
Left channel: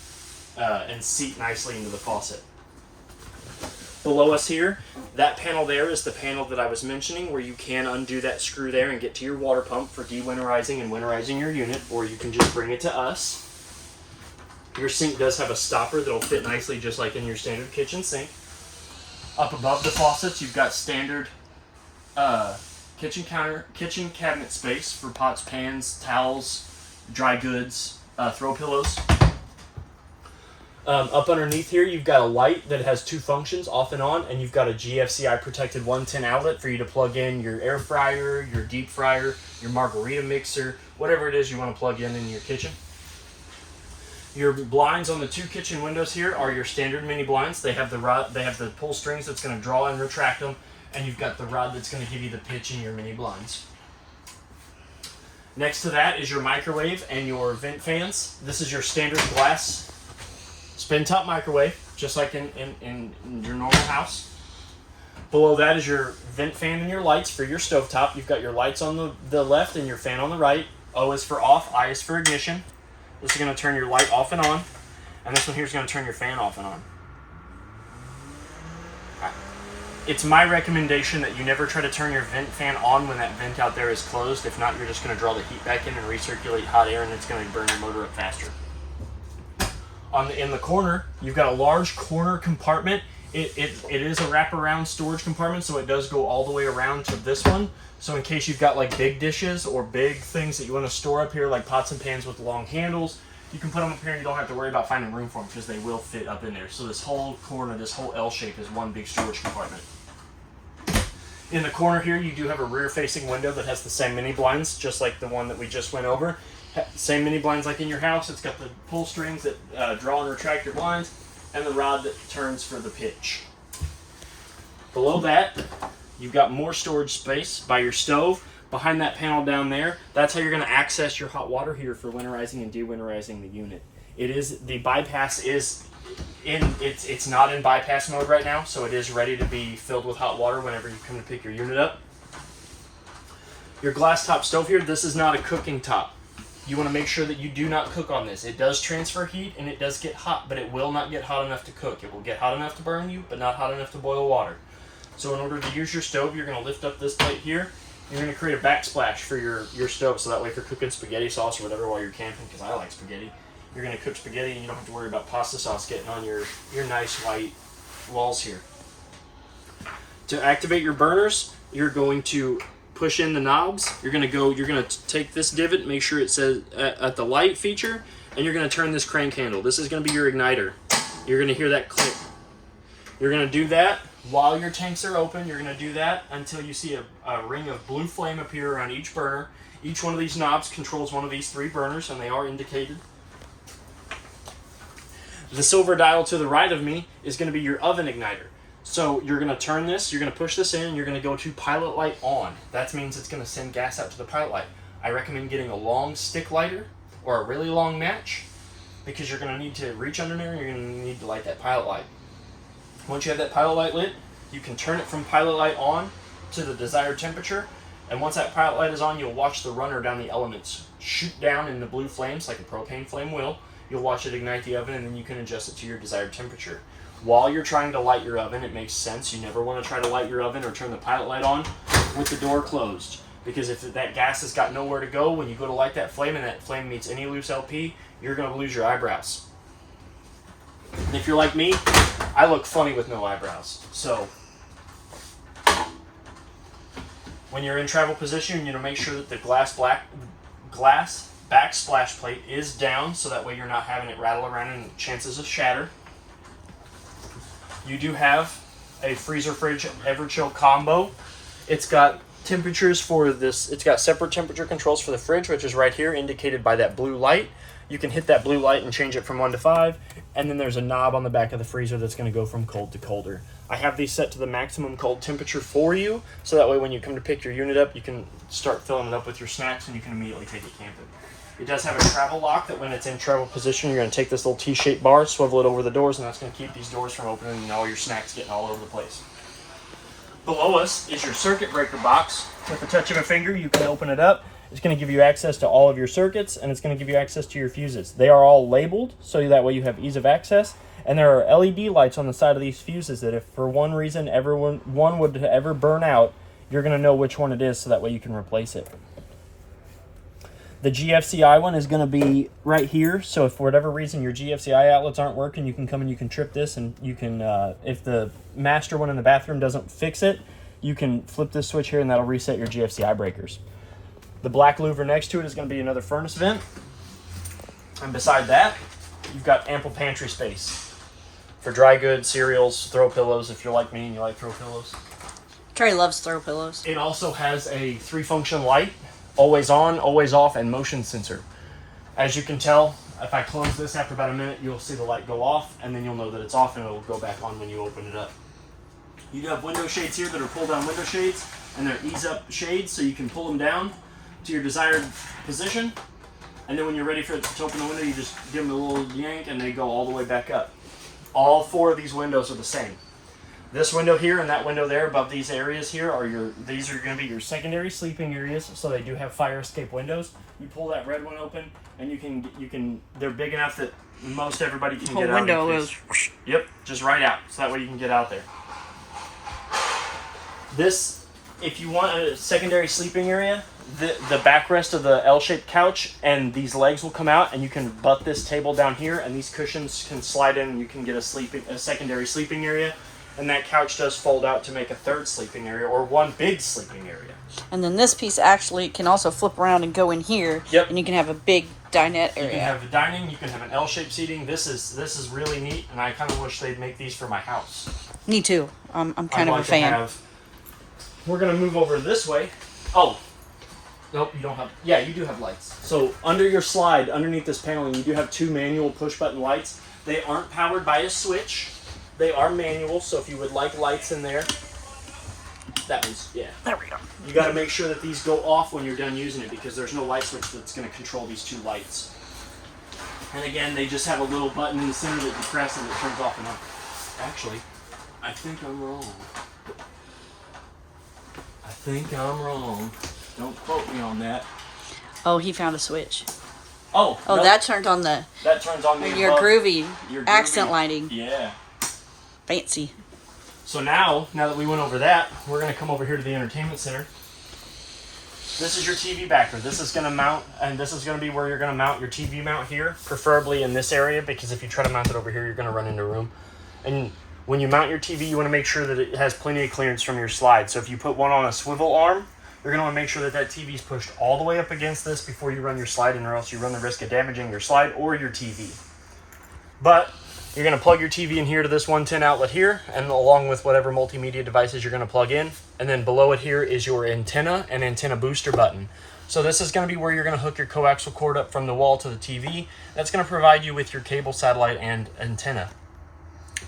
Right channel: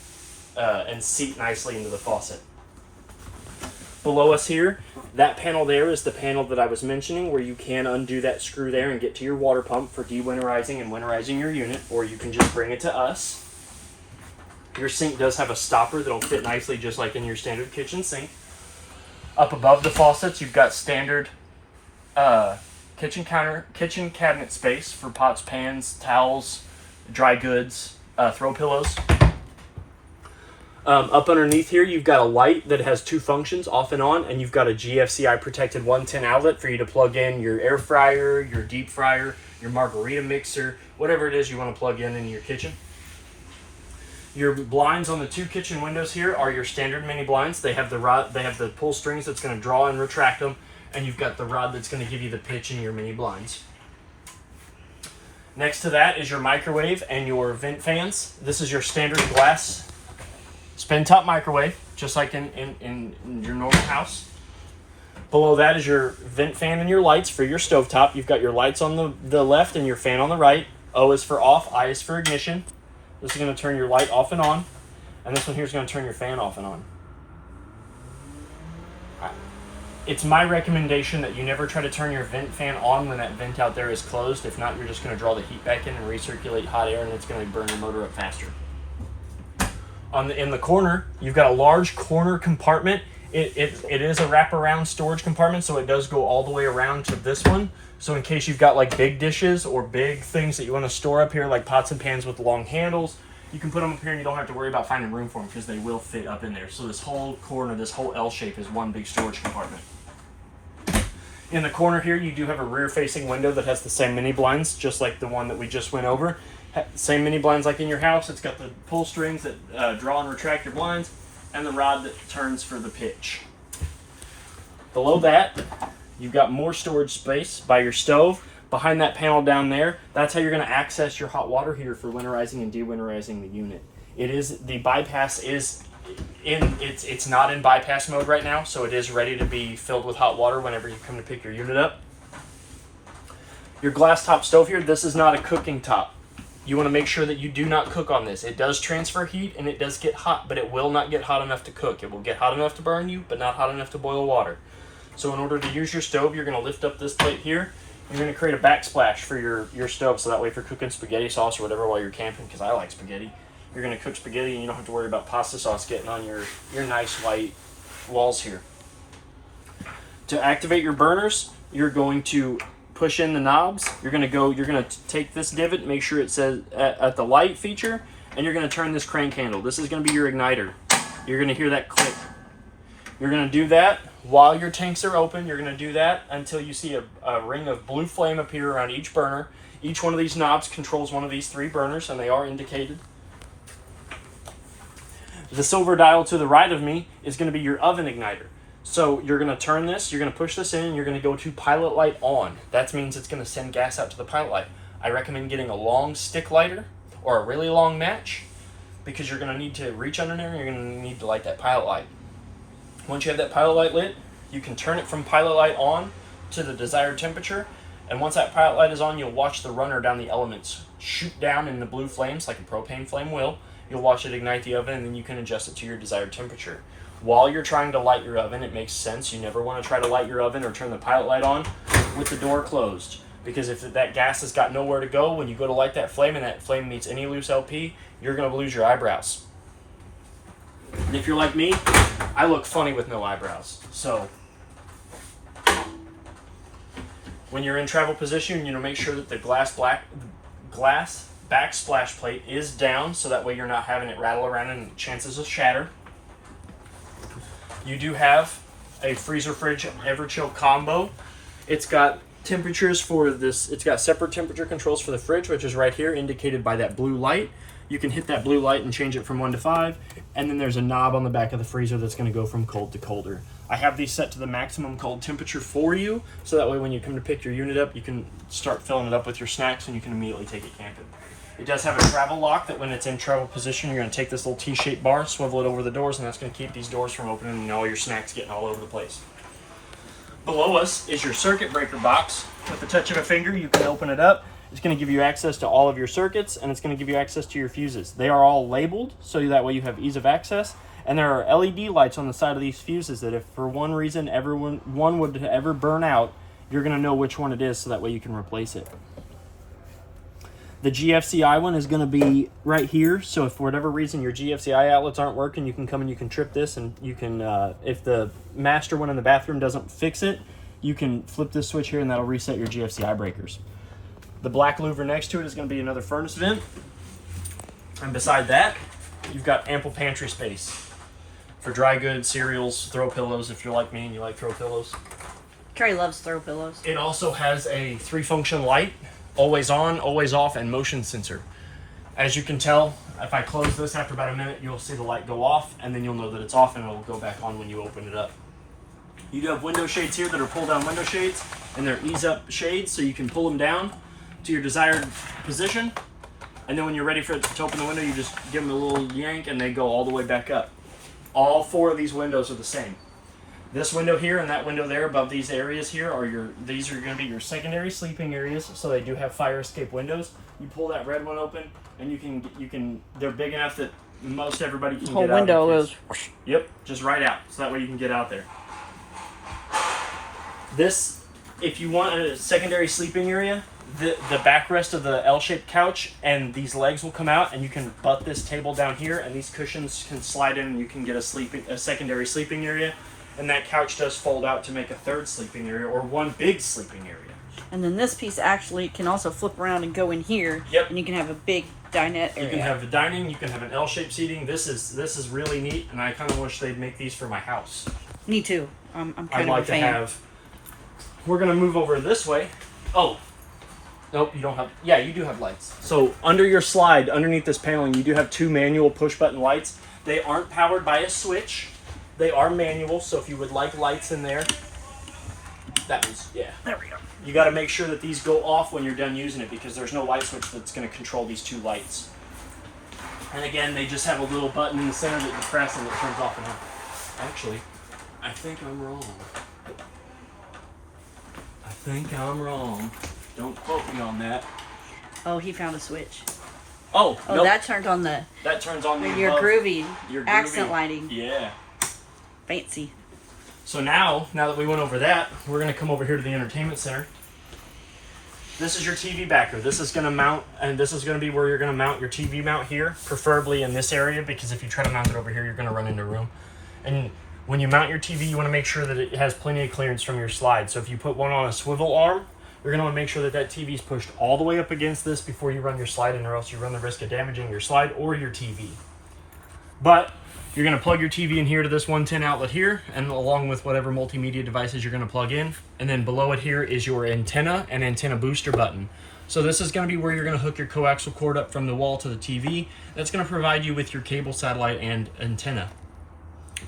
and seat nicely into the faucet. Below us here, that panel there is the panel that I was mentioning, where you can undo that screw there and get to your water pump for dewinterizing and winterizing your unit, or you can just bring it to us. Your sink does have a stopper that'll fit nicely just like in your standard kitchen sink. Up above the faucets, you've got standard kitchen cabinet space for pots, pans, towels, dry goods, throw pillows. Up underneath here, you've got a light that has two functions, off and on, and you've got a GFCI protected 110 outlet for you to plug in your air fryer, your deep fryer, your margarita mixer, whatever it is you want to plug in your kitchen. Your blinds on the two kitchen windows here are your standard mini blinds. They have the rod, they have the pull strings that's going to draw and retract them, and you've got the rod that's going to give you the pitch in your mini blinds. Next to that is your microwave and your vent fans. This is your standard glass spin top microwave, just like in your normal house. Below that is your vent fan and your lights for your stovetop. You've got your lights on the left and your fan on the right. O is for off, I is for ignition. This is going to turn your light off and on. And this one here is going to turn your fan off and on. It's my recommendation that you never try to turn your vent fan on when that vent out there is closed. If not, you're just going to draw the heat back in and recirculate hot air, and it's going to burn your motor up faster. In the corner, you've got a large corner compartment. It is a wraparound storage compartment, so it does go all the way around to this one. So in case you've got like big dishes or big things that you want to store up here, like pots and pans with long handles, you can put them up here and you don't have to worry about finding room for them because they will fit up in there. So this whole corner, this whole L shape is one big storage compartment. In the corner here, you do have a rear-facing window that has the same mini blinds, just like the one that we just went over. Same mini blinds like in your house. It's got the pull strings that draw and retract your blinds, and the rod that turns for the pitch. Below that, you've got more storage space by your stove. Behind that panel down there, that's how you're going to access your hot water heater for winterizing and de-winterizing the unit. The bypass is it's not in bypass mode right now, so it is ready to be filled with hot water whenever you come to pick your unit up. Your glass top stove here, this is not a cooking top. You want to make sure that you do not cook on this. It does transfer heat and it does get hot, but it will not get hot enough to cook. It will get hot enough to burn you, but not hot enough to boil water. So in order to use your stove, you're going to lift up this plate here, and you're going to create a backsplash for your stove, so that way if you're cooking spaghetti sauce or whatever while you're camping, because I like spaghetti, you're going to cook spaghetti and you don't have to worry about pasta sauce getting on your nice white walls here. To activate your burners, you're going to push in the knobs. You're going to take this divot, make sure it says at the light feature, and you're going to turn this crank handle. This is going to be your igniter. You're going to hear that click. You're going to do that while your tanks are open. You're going to do that until you see a ring of blue flame appear around each burner. Each one of these knobs controls one of these three burners, and they are indicated. The silver dial to the right of me is going to be your oven igniter. So you're going to turn this, you're going to push this in, and you're going to go to pilot light on. That means it's going to send gas out to the pilot light. I recommend getting a long stick lighter or a really long match, because you're going to need to reach under there and you're going to need to light that pilot light. Once you have that pilot light lit, you can turn it from pilot light on to the desired temperature, and once that pilot light is on, you'll watch the runner down the elements shoot down in the blue flames like a propane flame will. You'll watch it ignite the oven, and then you can adjust it to your desired temperature. While you're trying to light your oven, it makes sense. You never want to try to light your oven or turn the pilot light on with the door closed, because if that gas has got nowhere to go, when you go to light that flame and that flame meets any loose LP, you're going to lose your eyebrows. And if you're like me, I look funny with no eyebrows. So when you're in travel position, make sure that the glass backsplash plate is down, so that way you're not having it rattle around and chances of shatter. You do have a freezer fridge Everchill combo. It's got temperatures for this. It's got separate temperature controls for the fridge, which is right here indicated by that blue light. You can hit that blue light and change it from 1 to 5, and then there's a knob on the back of the freezer that's going to go from cold to colder. I have these set to the maximum cold temperature for you, so that way when you come to pick your unit up, you can start filling it up with your snacks and you can immediately take it camping. It does have a travel lock that when it's in travel position, you're going to take this little T-shaped bar, swivel it over the doors, and that's going to keep these doors from opening and all your snacks getting all over the place. Below us is your circuit breaker box. With the touch of a finger, you can open it up. It's going to give you access to all of your circuits, and it's going to give you access to your fuses. They are all labeled, so that way you have ease of access. And there are LED lights on the side of these fuses that if for one reason one would ever burn out, you're going to know which one it is, so that way you can replace it. The GFCI one is going to be right here, so if for whatever reason your GFCI outlets aren't working, you can come and you can trip this, and you can, if the master one in the bathroom doesn't fix it, you can flip this switch here and that'll reset your GFCI breakers. The black louver next to it is going to be another furnace vent. And beside that you've got ample pantry space for dry goods, cereals, throw pillows if you're like me and you like throw pillows. Trey loves throw pillows. It also has a 3-function light, always on, always off, and motion sensor. As you can tell, if I close this after about a minute, you'll see the light go off, and then you'll know that it's off, and it'll go back on when you open it up. You do have window shades here that are pull-down window shades, and they're ease-up shades, so you can pull them down to your desired position, and then when you're ready for it to open the window, you just give them a little yank, and they go all the way back up. All 4 of these windows are the same. This window here and that window there above these areas here are these are going to be your secondary sleeping areas, so they do have fire escape windows. You pull that red one open, and you can they're big enough that most everybody can get out. The whole window goes. Yep, just right out, so that way you can get out there. This, if you want a secondary sleeping area, the backrest of the L-shaped couch and these legs will come out, and you can butt this table down here, and these cushions can slide in, and you can get a secondary sleeping area. And that couch does fold out to make a 3rd sleeping area, or 1 big sleeping area. And then this piece actually can also flip around and go in here. Yep. And you can have a big dinette area. You can have the dining. You can have an L-shaped seating. This is really neat, and I kind of wish they'd make these for my house. Me too. I'm kind of like a fan. To have. We're gonna move over this way. Oh, nope, you don't have. Yeah, you do have lights. So under your slide, underneath this paneling, you do have 2 manual push-button lights. They aren't powered by a switch. They are manual, so if you would like lights in there, that is, yeah. There we go. You got to make sure that these go off when you're done using it, because there's no light switch that's going to control these 2 lights. And again, they just have a little button in the center that you press and it turns off and on. Actually, I think I'm wrong. Don't quote me on that. Oh, he found a switch. Oh, nope. That turns on the. That turns on your groovy accent lighting. Yeah. Fancy. So now that we went over that, we're going to come over here to the entertainment center. This is your TV backer. This is going to mount, and this is going to be where you're going to mount your TV mount here, preferably in this area, because if you try to mount it over here, you're going to run into room. And when you mount your TV, you want to make sure that it has plenty of clearance from your slide. So if you put one on a swivel arm, you're going to want to make sure that that TV is pushed all the way up against this before you run your slide in, or else you run the risk of damaging your slide or your TV. But you're going to plug your TV in here to this 110 outlet here, and along with whatever multimedia devices you're going to plug in. And then below it here is your antenna and antenna booster button. So this is going to be where you're going to hook your coaxial cord up from the wall to the TV. That's going to provide you with your cable, satellite, and antenna.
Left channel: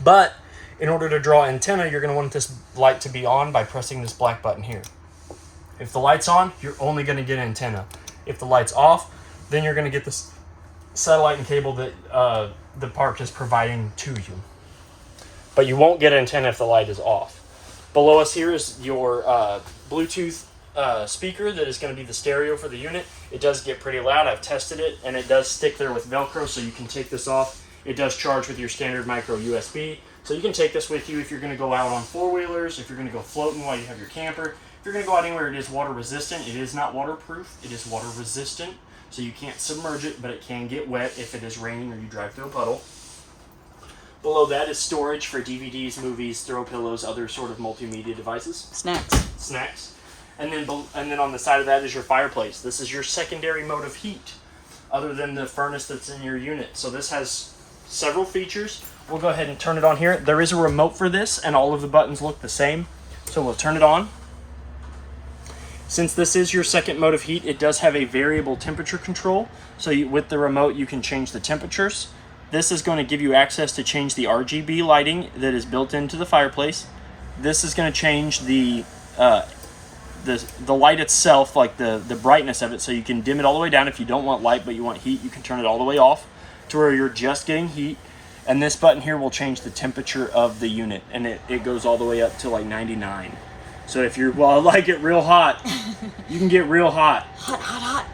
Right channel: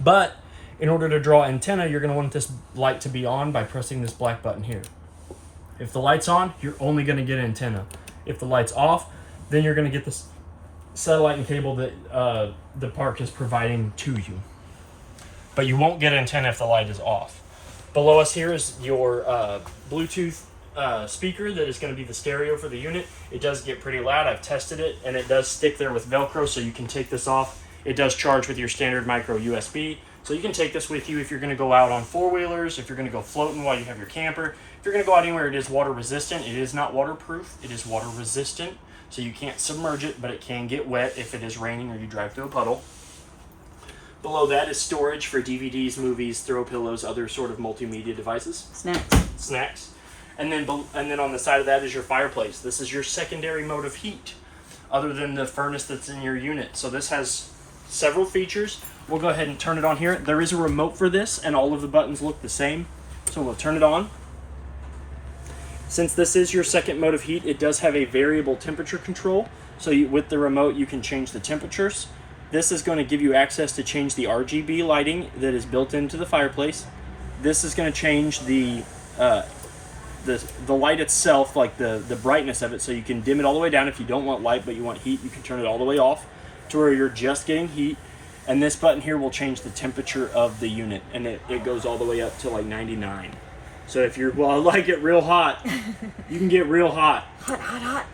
But in order to draw antenna, you're going to want this light to be on by pressing this black button here. If the light's on, you're only going to get antenna. If the light's off, then you're going to get this satellite and cable that the park is providing to you. But you won't get antenna if the light is off. Below us here is your Bluetooth speaker that is going to be the stereo for the unit. It does get pretty loud. I've tested it, and it does stick there with Velcro, so you can take this off. It does charge with your standard micro USB, so you can take this with you if you're going to go out on 4-wheelers, if you're going to go floating while you have your camper. If you're going to go out anywhere, it is water resistant. It is not waterproof. It is water resistant. So you can't submerge it, but it can get wet if it is raining or you drive through a puddle. Below that is storage for DVDs, movies, throw pillows, other sort of multimedia devices. Snacks. And then on the side of that is your fireplace. This is your secondary mode of heat, other than the furnace that's in your unit. So this has several features. We'll go ahead and turn it on here. There is a remote for this, and all of the buttons look the same. So we'll turn it on. Since this is your second mode of heat, it does have a variable temperature control. So with the remote, you can change the temperatures. This is going to give you access to change the RGB lighting that is built into the fireplace. This is going to change the light itself, like the brightness of it, so you can dim it all the way down. If you don't want light but you want heat, you can turn it all the way off to where you're just getting heat. And this button here will change the temperature of the unit, and it goes all the way up to like 99. So if you're, well, I like it real hot, you can get real hot. Hot.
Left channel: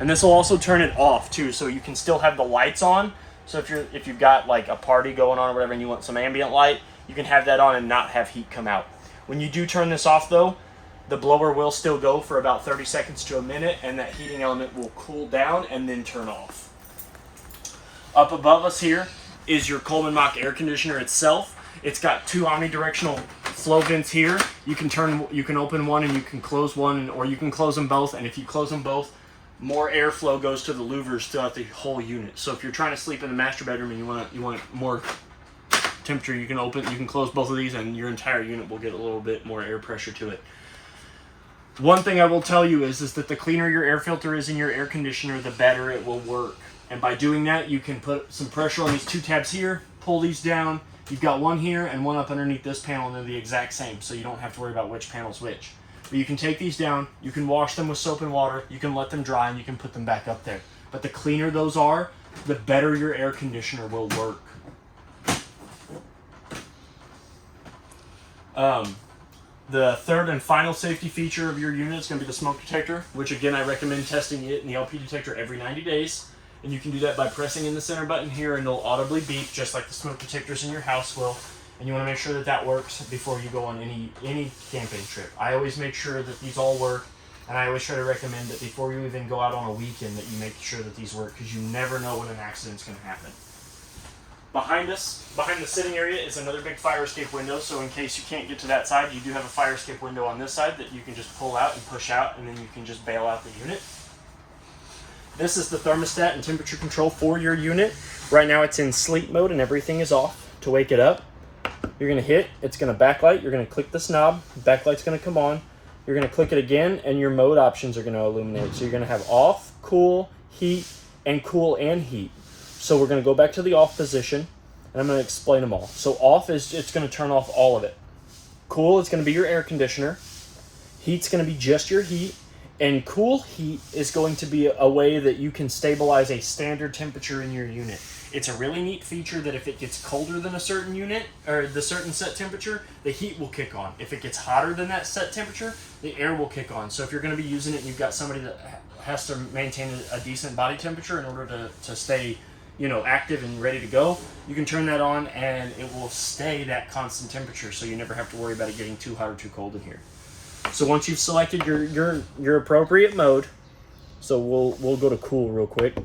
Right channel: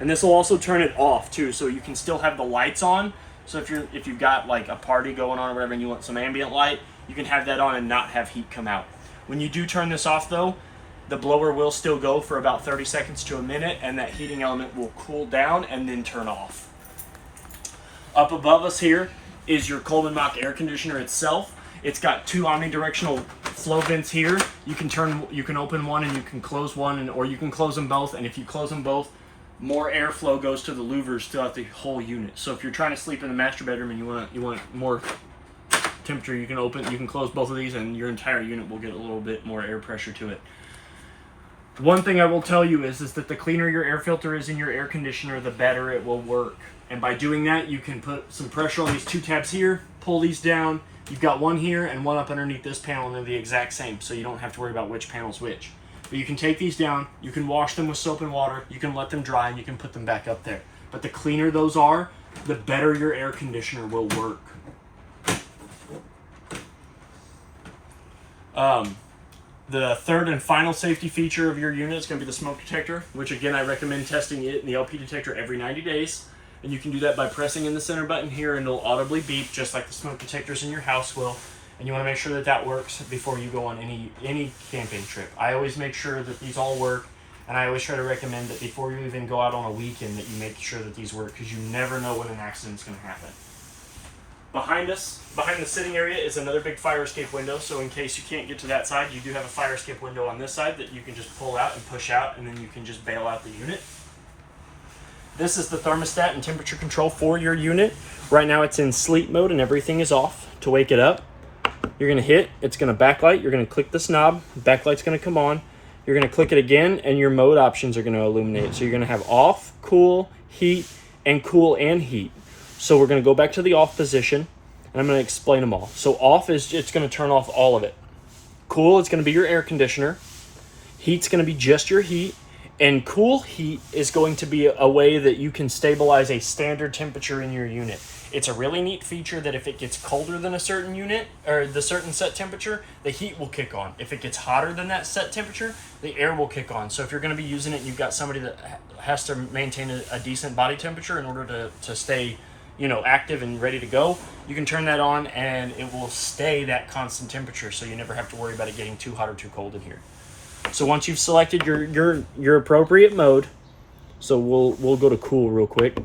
And this will also turn it off too, so you can still have the lights on. So if you've got like a party going on or whatever and you want some ambient light, you can have that on and not have heat come out. When you do turn this off though, the blower will still go for about 30 seconds to a minute, and that heating element will cool down and then turn off. Up above us here is your Coleman Mach air conditioner itself. It's got 2 omnidirectional flow vents here. You can open one and you can close one, or you can close them both. And if you close them both, more airflow goes to the louvers throughout the whole unit. So if you're trying to sleep in the master bedroom and you want more temperature, you can close both of these, and your entire unit will get a little bit more air pressure to it. One thing I will tell you is that the cleaner your air filter is in your air conditioner, the better it will work. And by doing that, you can put some pressure on these two tabs here, pull these down. You've got one here and one up underneath this panel, and they're the exact same, so you don't have to worry about which panel's which. But you can take these down, you can wash them with soap and water, you can let them dry, and you can put them back up there. But the cleaner those are, the better your air conditioner will work. The third and final safety feature of your unit is going to be the smoke detector, which again I recommend testing it in the LP detector every 90 days. And you can do that by pressing in the center button here, and it'll audibly beep just like the smoke detectors in your house will. And you want to make sure that that works before you go on any camping trip. I always make sure that these all work, and I always try to recommend that before you even go out on a weekend that you make sure that these work, because you never know when an accident's going to happen. Behind us, behind the sitting area, is another big fire escape window, so in case you can't get to that side, you do have a fire escape window on this side that you can just pull out and push out, and then you can just bail out the unit. This is the thermostat and temperature control for your unit. Right now it's in sleep mode and everything is off. To wake it up, you're going to hit, it's going to backlight, you're going to click this knob, backlight's going to come on, you're going to click it again, and your mode options are going to illuminate. So you're going to have off, cool, heat, and cool and heat. So we're going to go back to the off position, and I'm going to explain them all. So off is, it's going to turn off all of it. Cool is going to be your air conditioner. Heat's going to be just your heat. And cool heat is going to be a way that you can stabilize a standard temperature in your unit. It's a really neat feature that if it gets colder than a certain unit, or the certain set temperature, the heat will kick on. If it gets hotter than that set temperature, the air will kick on. So if you're going to be using it and you've got somebody that has to maintain a decent body temperature in order to stay, active and ready to go, you can turn that on and it will stay that constant temperature, so you never have to worry about it getting too hot or too cold in here. So once you've selected your appropriate mode, so we'll go to cool real quick.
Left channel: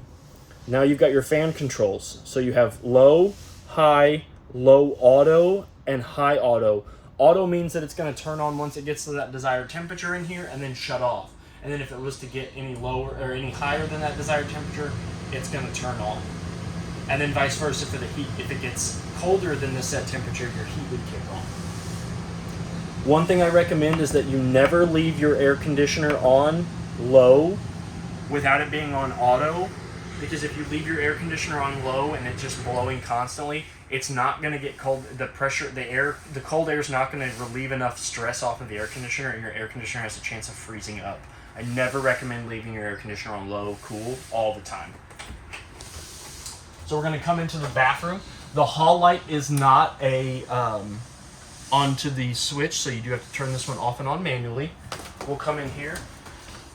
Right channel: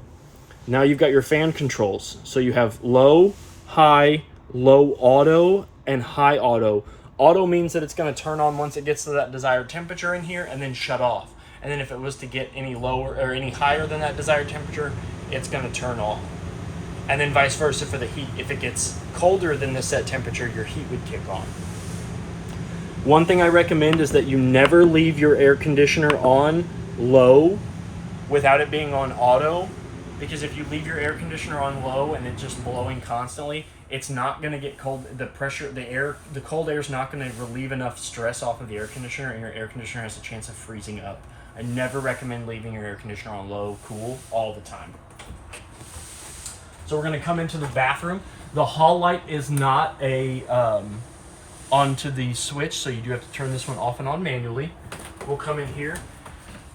Now you've got your fan controls. So you have low, high, low auto, and high auto. Auto means that it's going to turn on once it gets to that desired temperature in here and then shut off. And then if it was to get any lower or any higher than that desired temperature, it's going to turn off. And then vice versa for the heat. If it gets colder than the set temperature, your heat would kick on. One thing I recommend is that you never leave your air conditioner on low without it being on auto, because if you leave your air conditioner on low and it's just blowing constantly, it's not going to get cold. The cold air is not going to relieve enough stress off of the air conditioner, and your air conditioner has a chance of freezing up. I never recommend leaving your air conditioner on low, cool, all the time. So we're going to come into the bathroom. The hall light is not onto the switch, so you do have to turn this one off and on manually. We'll come in here.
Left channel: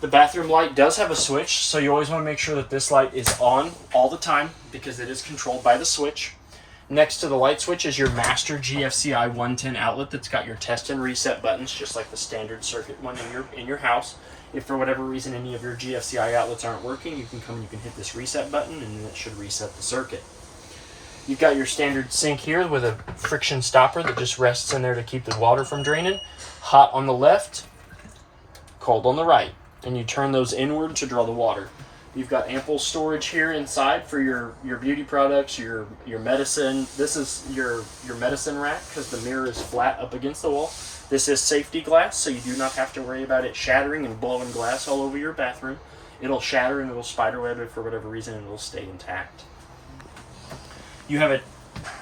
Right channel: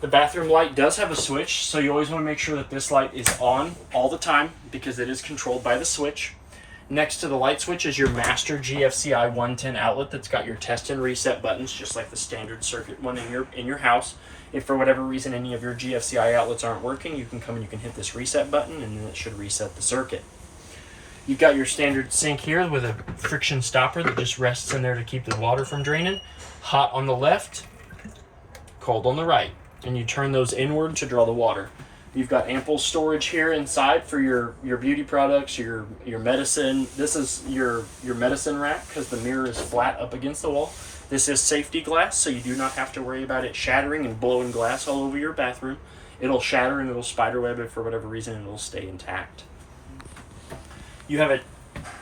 The bathroom light does have a switch, so you always want to make sure that this light is on all the time because it is controlled by the switch. Next to the light switch is your master GFCI 110 outlet that's got your test and reset buttons, just like the standard circuit one in your house. If for whatever reason any of your GFCI outlets aren't working, you can come and you can hit this reset button, and then it should reset the circuit. You've got your standard sink here with a friction stopper that just rests in there to keep the water from draining. Hot on the left, cold on the right. And you turn those inward to draw the water. You've got ample storage here inside for your beauty products, your medicine. This is your medicine rack because the mirror is flat up against the wall. This is safety glass, so you do not have to worry about it shattering and blowing glass all over your bathroom. It'll shatter and it'll spider web it for whatever reason, and it'll stay intact. You have a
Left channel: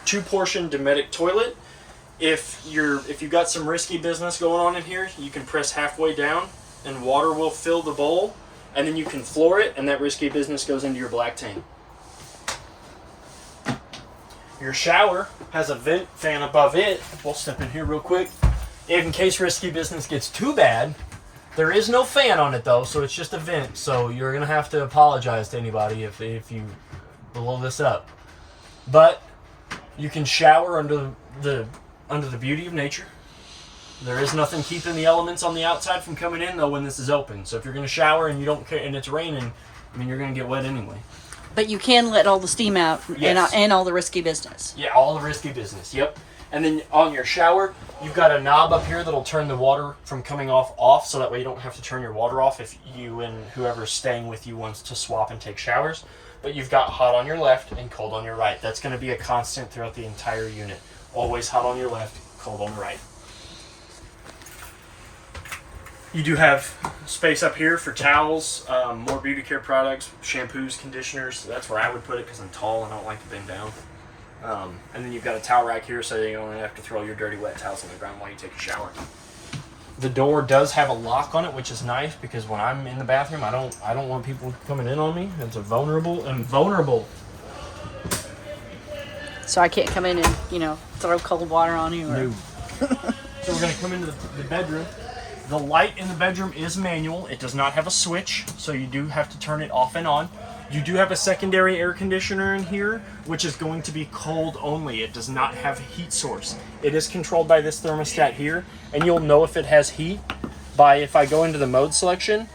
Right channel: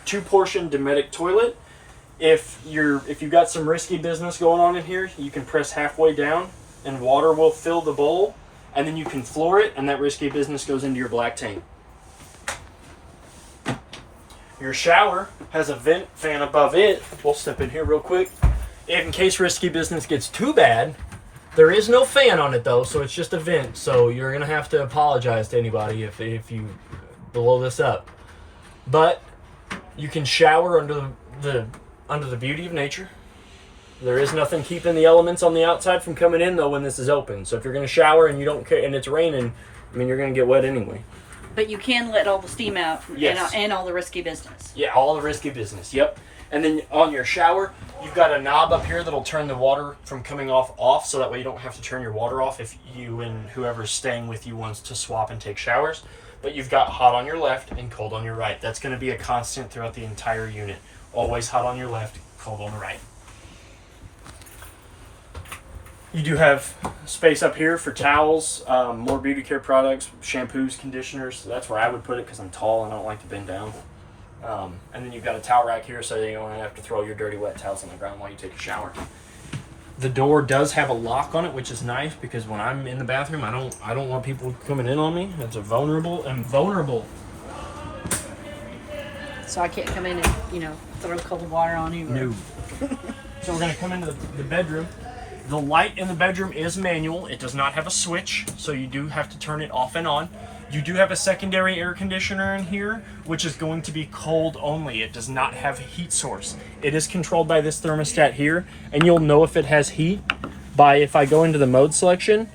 2-portion Dometic toilet. If you've got some risky business going on in here, you can press halfway down and water will fill the bowl, and then you can floor it, and that risky business goes into your black tank. Your shower has a vent fan above it. We'll step in here real quick. In case risky business gets too bad, there is no fan on it though, so it's just a vent. So you're gonna have to apologize to anybody if you blow this up. But you can shower under the beauty of nature. There is nothing keeping the elements on the outside from coming in though when this is open. So if you're gonna shower and you don't care and it's raining, I mean you're gonna get wet anyway. But you can let all the steam out and all the risky business. Yeah, all the risky business. Yep. And then on your shower, you've got a knob up here that'll turn the water from coming off, so that way you don't have to turn your water off if you and whoever's staying with you wants to swap and take showers. But you've got hot on your left and cold on your right. That's going to be a constant throughout the entire unit. Always hot on your left, cold on the right. You do have space up here for towels, more beauty care products, shampoos, conditioners. That's where I would put it because I'm tall and I don't like to bend down. And then you've got a towel rack here so you don't have to throw your dirty wet towels on the ground while you take a shower. The door does have a lock on it, which is nice because when I'm in the bathroom, I don't want people coming in on me. It's vulnerable. So I can't come in and, throw cold water on you. No. So we're going to come into the bedroom. The light in the bedroom is manual. It does not have a switch, so you do have to turn it off and on. You do have a secondary air conditioner in here, which is going to be cold only. It does not have a heat source. It is controlled by this thermostat here, and you'll know if it has heat by if I go into the mode selection.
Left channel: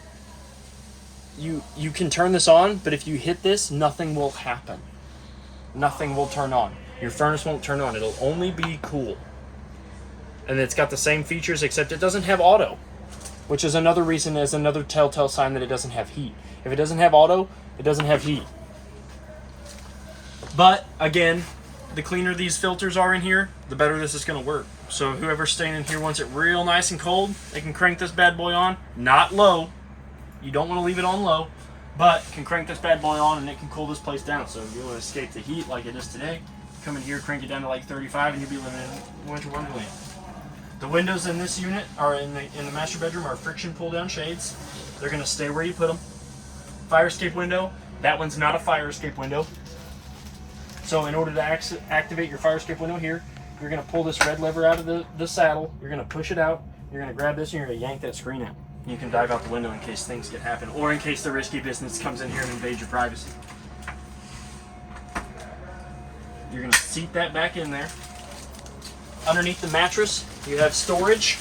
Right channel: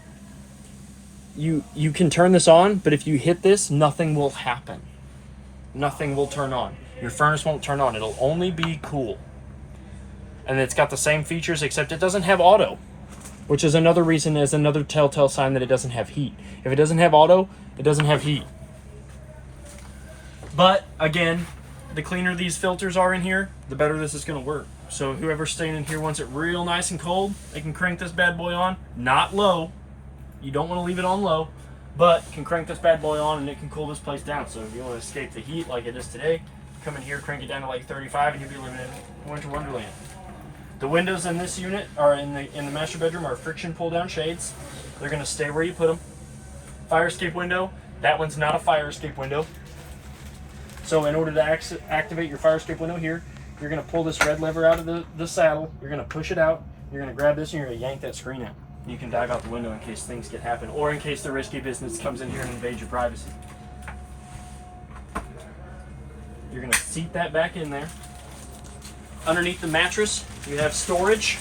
You can turn this on, but if you hit this, nothing will happen. Nothing will turn on. Your furnace won't turn on. It'll only be cool. And it's got the same features, except it doesn't have auto, which is another reason, as another telltale sign that it doesn't have heat. If it doesn't have auto, it doesn't have heat. But again, the cleaner these filters are in here, the better this is going to work. So whoever's staying in here wants it real nice and cold, they can crank this bad boy on, not low. You don't want to leave it on low, but can crank this bad boy on and it can cool this place down. So if you want to escape the heat like it is today, come in here, crank it down to like 35, and you'll be living in winter wonderland. The windows in this unit are in the master bedroom are friction pull down shades. They're going to stay where you put them. Fire escape window. That one's not a fire escape window. So in order to activate your fire escape window here, you're going to pull this red lever out of the saddle. You're going to push it out. You're going to grab this and you're going to yank that screen out. You can dive out the window in case things get happen, or in case the risky business comes in here and invades your privacy. You're going to seat that back in there. Underneath the mattress, you have storage.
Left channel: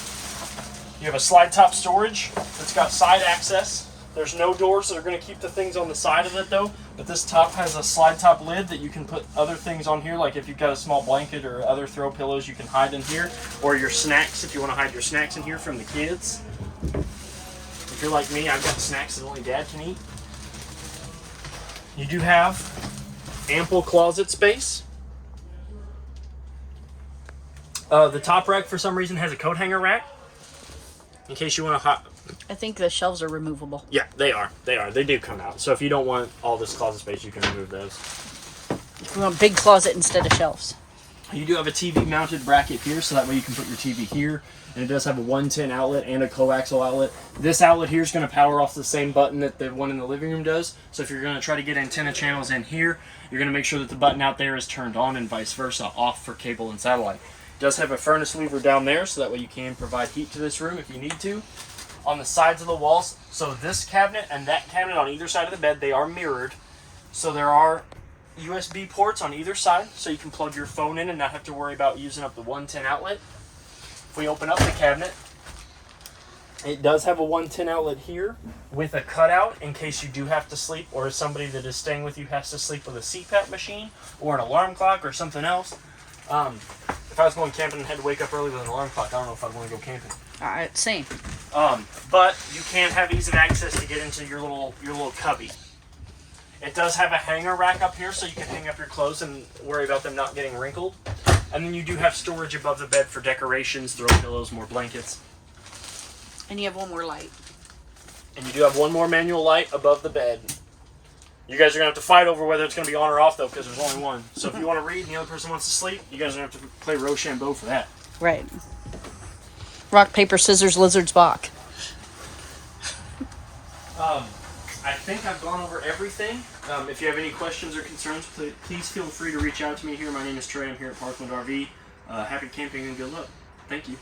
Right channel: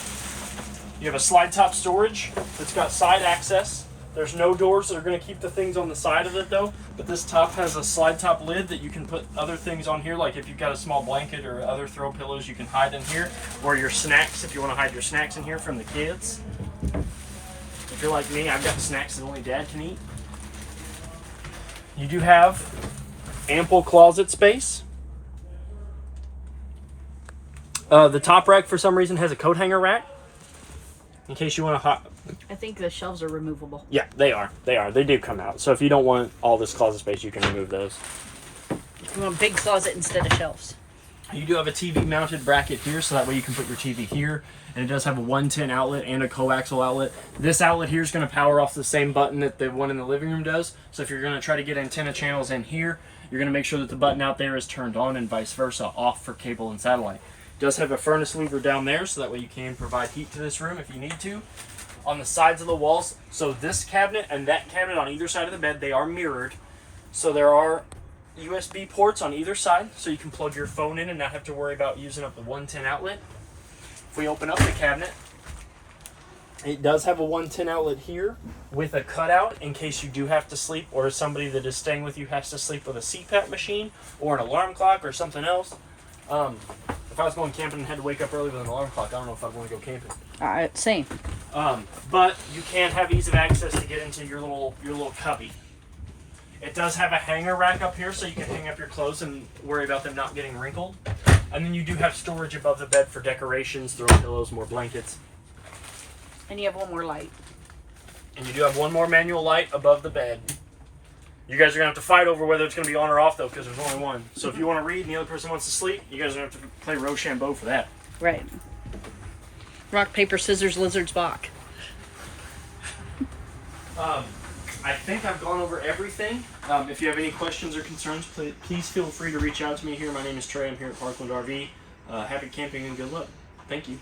You have a slide top storage that's got side access. There's no doors that are going to keep the things on the side of it though, but this top has a slide top lid that you can put other things on here, like if you've got a small blanket or other throw pillows you can hide in here, or your snacks if you want to hide your snacks in here from the kids. If you're like me, I've got snacks that only Dad can eat. You do have ample closet space. The top rack, for some reason, has a coat hanger rack. In case you want to... I think the shelves are removable. Yeah, they are. They do come out. So if you don't want all this closet space, you can remove those. You want a big closet instead of shelves. You do have a TV mounted bracket here, so that way you can put your TV here. And it does have a 110 outlet and a coaxial outlet. This outlet here is going to power off the same button that the one in the living room does. So if you're going to try to get antenna channels in here, you're going to make sure that the button out there is turned on and vice versa, off for cable and satellite. Does have a furnace lever down there, so that way you can provide heat to this room if you need to. On the sides of the walls, so this cabinet and that cabinet on either side of the bed, they are mirrored. So there are USB ports on either side, so you can plug your phone in and not have to worry about using up the 110 outlet. If we open up the cabinet, it does have a 110 outlet here with a cutout in case you do have to sleep, or somebody that is staying with you has to sleep with a CPAP machine or an alarm clock or something else. If I was going camping and had to wake up early with an alarm clock, I don't know if I'd want to go camping. Same. But you can have ease of access to get into your little cubby. It does have a hanger rack up here, so you can hang up your clothes and worry about them not getting wrinkled. And then you do have storage above the bed for decorations, throw pillows, more blankets. And you have one more light. And you do have one more manual light above the bed. You guys are going to have to fight over whether it's going to be on or off, though, because there's only one. So if you want to read and the other person wants to sleep, you guys are going to have to play Rochambeau for that. Right. Rock, paper, scissors, lizards, Bach. I think I've gone over everything. If you have any questions or concerns, please feel free to reach out to me here. My name is Trey. I'm here at Parkland RV. Happy camping and good luck. Thank you.